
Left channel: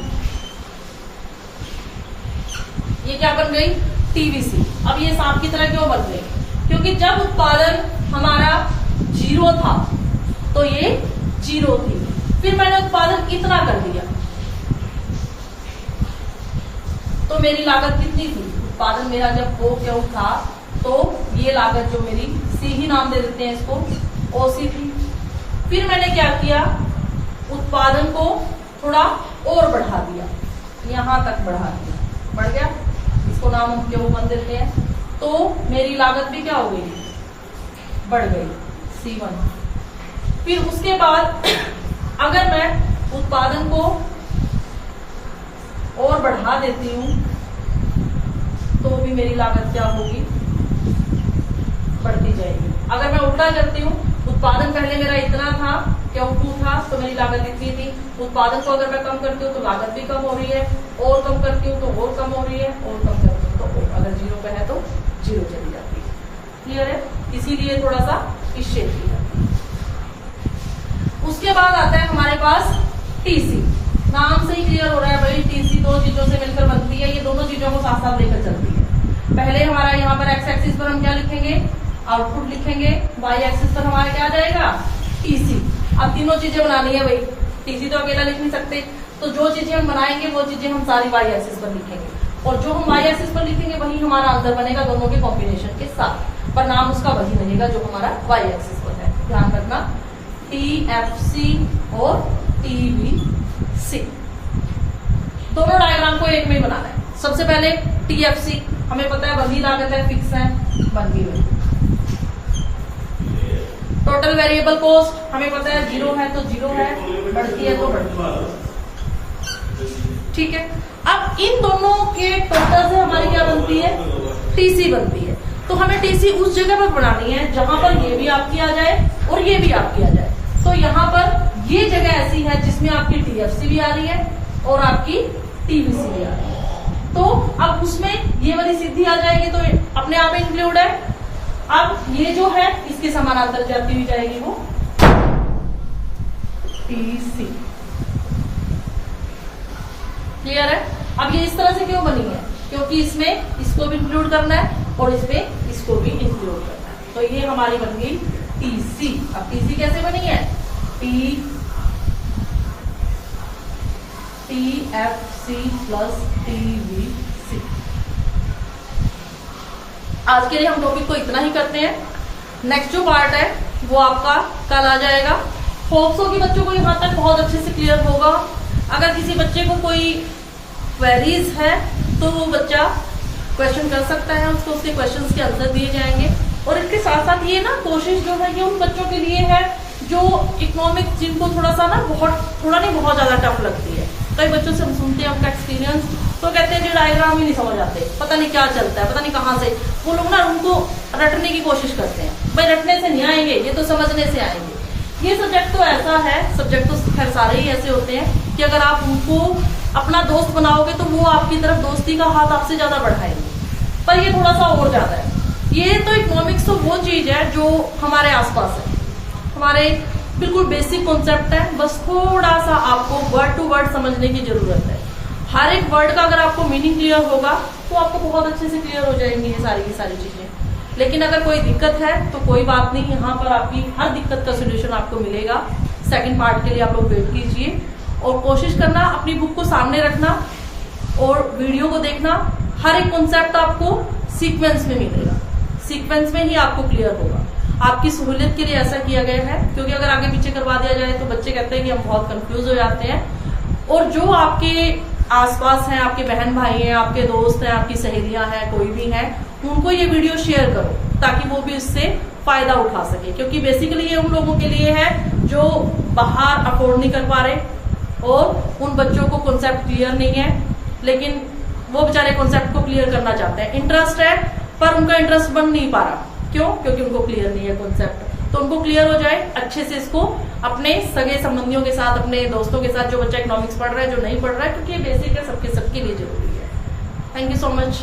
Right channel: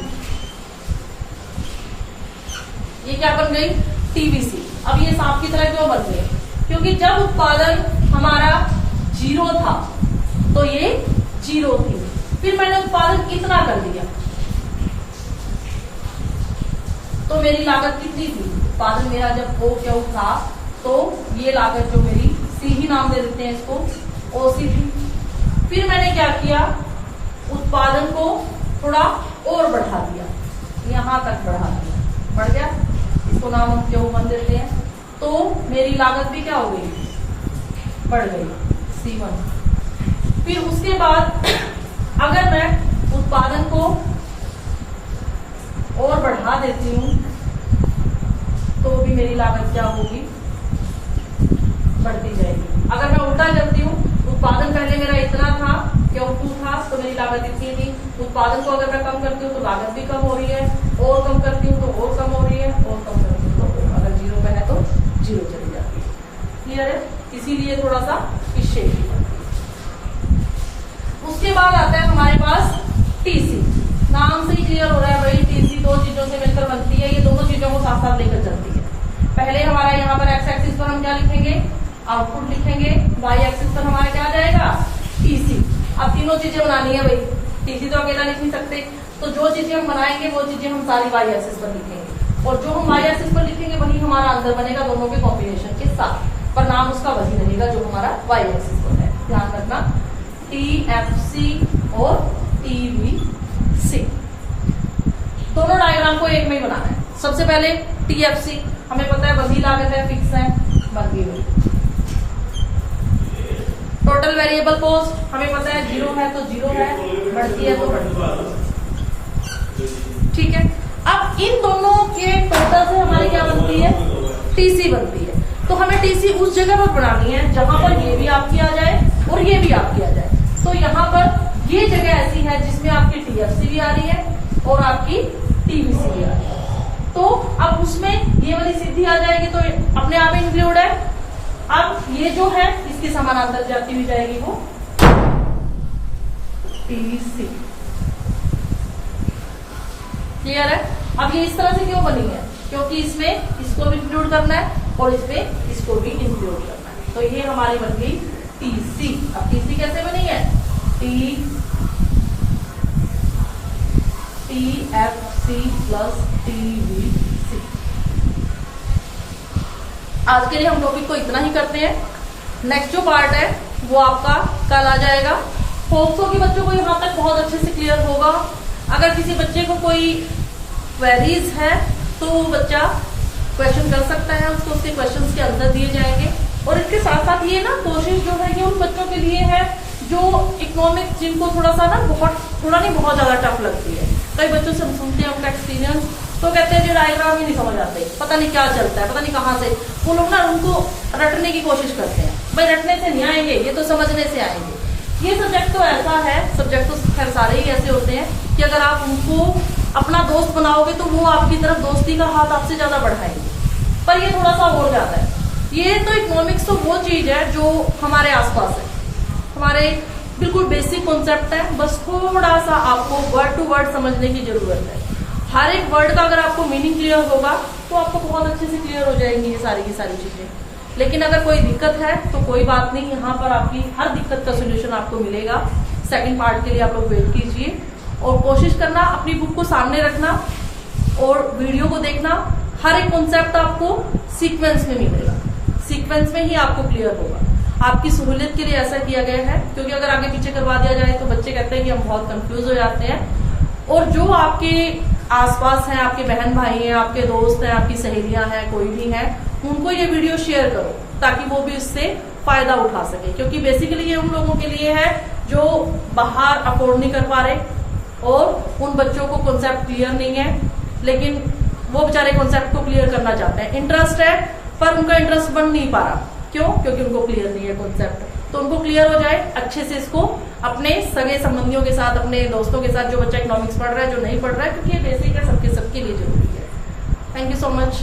ये क्या बन गई, टीवीसी। अब ये सांप की तरह क्यों बन गई, क्योंकि जब उत्पादन हमारा 0 था तो ये 0 थी, फिर मैंने उत्पादन इतना कर दिया तो मेरी लागत कितनी थी, उत्पादन मेरा जब हो क्यों था तो ये लागत जो मेरी सी ही नाम दे देते हैं इसको, ओसी थी। फिर मैंने क्या किया, उत्पादन को थोड़ा और बढ़ा दिया, यहां तक बढ़ा दिया, बढ़ गया, इसको नाम हम क्यों बन देते हैं, तो मेरी लागत भी क्या हो गई, बढ़ गई, C1। फिर उसके बाद अगर मैं उत्पादन को और बढ़ा देती हूं तो भी मेरी लागत क्या होगी, बढ़ती जाएगी। अगर मैं उल्टा करती हूँ, उत्पादन पहले मेरा इतना था, Q2 था, तो मेरी लागत इतनी थी, उत्पादन को अगर मैं कम करती हूँ तो लागत भी कम हो रही है, और कम करती हूँ तो और कम हो रही है, और कम करती हूँ तो और, अगर 0 पे है तो 0 चली जाती है। क्लियर है? इसीलिए थोड़ा सा इस शेप की जाती है। उसके बाद आता है हमारे पास टीसी। नाम से ही क्लियर हो रहा है भाई, टीसी दो चीजों से मिलकर बनती है, ये दोनों चीजों को साथ साथ लेकर चलती है। पहले हमारा यहाँ पर एक्स एक्सिस पर हम क्या लिखेंगे, आउटपुट लिखेंगे, वाई एक्सिस पर हमारा क्या आ जाएगा, टीसी। अब तीनों चीजें बनानी है भाई, टीसी तो अकेला लिख नहीं सकते, तो जो चीजें हम बनाएंगे वो चीजें हम सारी वाई एक्सिस पर लिखेंगे, और जो हम वाई एक्सिस पर लिखेंगे वही हमारा आंसर बनेगा दोनों के कॉम्बिनेशन के साथ, पर नाम उसका वही रहेगा जो हमारा वाई एक्सिस पर है। ध्यान रखना, टीएफसी और टीवीसी दोनों डायग्राम को एक में ही बनाना है। सबसे पहले टीएफसी, हमें पता है बंधी लागत है, फिक्स है, बंधी हुई। टोटल वेरिएबल कॉस्ट हमें पता है 0 है तो 0 है, बढ़ती है तो बढ़ती है। ठीक है, अब इन दोनों के टोटल से हमारी क्या बनती है, टीसी बनती है। तो हमें टीसी उस जगह पर बनानी है जहां पर ये भी आपकी आ जाए और ये भी आपकी आ जाए। तो यहाँ पर ये जगह ऐसी है जिसमें आपकी टीएफसी भी आ रही है और आपकी टीवीसी भी आ रही है, तो अब उसमें ये वाली सीधी आ जाएगी तो अपने आप इंक्लूड है। अब ये जो है इसके समानांतर जाती हुई जाएगी वो टीसी। क्लियर है? अब ये इस तरह से क्यों बनी है, क्योंकि इसमें इसको भी इंक्लूड करना है और इसमें इसको भी इंक्लूड करना है, तो ये हमारी बन गई टीसी। अब टीसी कैसे बनी है, टीएफसी प्लस टीवीसी। आज के लिए हम टॉपिक को इतना ही करते हैं, नेक्स्ट जो पार्ट है वो आपका कल आ जाएगा। होप सो कि बच्चों को यहाँ तक बहुत अच्छे से क्लियर होगा। अगर किसी बच्चे को कोई क्वेरीज है तो वो बच्चा क्वेश्चन कर सकता है, उसको उसके क्वेश्चंस के आंसर दिए जाएंगे। और इसके साथ साथ ये ना कोशिश जो है ये उन बच्चों के लिए है जो इकोनॉमिक्स जिनको थोड़ा सा ना थोड़ा नहीं बहुत ज्यादा टफ लगती है। कई बच्चों से हम सुनते हैं उनका एक्सपीरियंस, तो कहते हैं जो डायग्राम ही नहीं समझ आते, पता नहीं क्या चलता है, पता नहीं कहाँ से वो लोग ना उनको रटने की कोशिश करते हैं। भाई रटने से नहीं आएंगे, ये तो समझने से आएंगे। ये सब्जेक्ट तो ऐसा है, सब्जेक्ट तो खैर सारे ही ऐसे होते हैं कि अगर आप उनको अपना दोस्त बनाओगे तो वो आपकी तरफ दोस्ती का हाथ आपसे ज्यादा बढ़ाएंगे, पर ये थोड़ा सा और ज्यादा है। ये तो इकोनॉमिक्स तो वो चीज है जो हमारे आसपास है, हमारे बिल्कुल बेसिक कॉन्सेप्ट है, बस थोड़ा सा आपको वर्ड टू वर्ड समझने की जरूरत है। हर एक वर्ड का अगर आपको मीनिंग क्लियर होगा तो आपको बहुत अच्छे से क्लियर हो जाएंगी ये सारी की सारी चीजें। लेकिन अगर कोई दिक्कत है तो कोई बात नहीं, यहाँ पर आपकी हर दिक्कत का सोल्यूशन आपको मिलेगा। सेकंड पार्ट के लिए आप लोग वेट कीजिए और कोशिश करना अपनी बुक को सामने रखना और वीडियो को देखना। हर एक कॉन्सेप्ट आपको सीक्वेंस में मिलेगा, सीक्वेंस में ही आपको क्लियर होगा। आपकी सहूलियत के लिए ऐसा किया गया है, क्योंकि अगर आगे पीछे करवा दिया जाए तो बच्चे कहते हैं कि हम बहुत कंफ्यूज हो जाते हैं। और जो आपके आसपास हैं, आपके बहन भाई हैं, आपके दोस्त हैं, आपकी सहेलियां हैं, कोई भी है, उनको ये वीडियो शेयर करो ताकि वो भी इससे फायदा उठा सके। क्योंकि बेसिकली ये उन लोगों के लिए है जो बाहर अफोर्ड नहीं कर पा रहे, और उन बच्चों को कॉन्सेप्ट क्लियर नहीं है, लेकिन वो बेचारे कॉन्सेप्ट को क्लियर करना चाहते हैं, इंटरेस्ट है पर उनका इंटरेस्ट बन नहीं पा रहा। क्यों? क्योंकि उनको क्लियर नहीं है कॉन्सेप्ट। तो उनको क्लियर हो जाए, अच्छे से इसको अपने सगे संबंधियों के साथ, अपने दोस्तों के साथ, जो बच्चा इकोनॉमिक्स पढ़ रहा है, जो नहीं पढ़ रहा है, क्योंकि ये बेसिक है, सबके लिए जरूरी है। Thank you so much.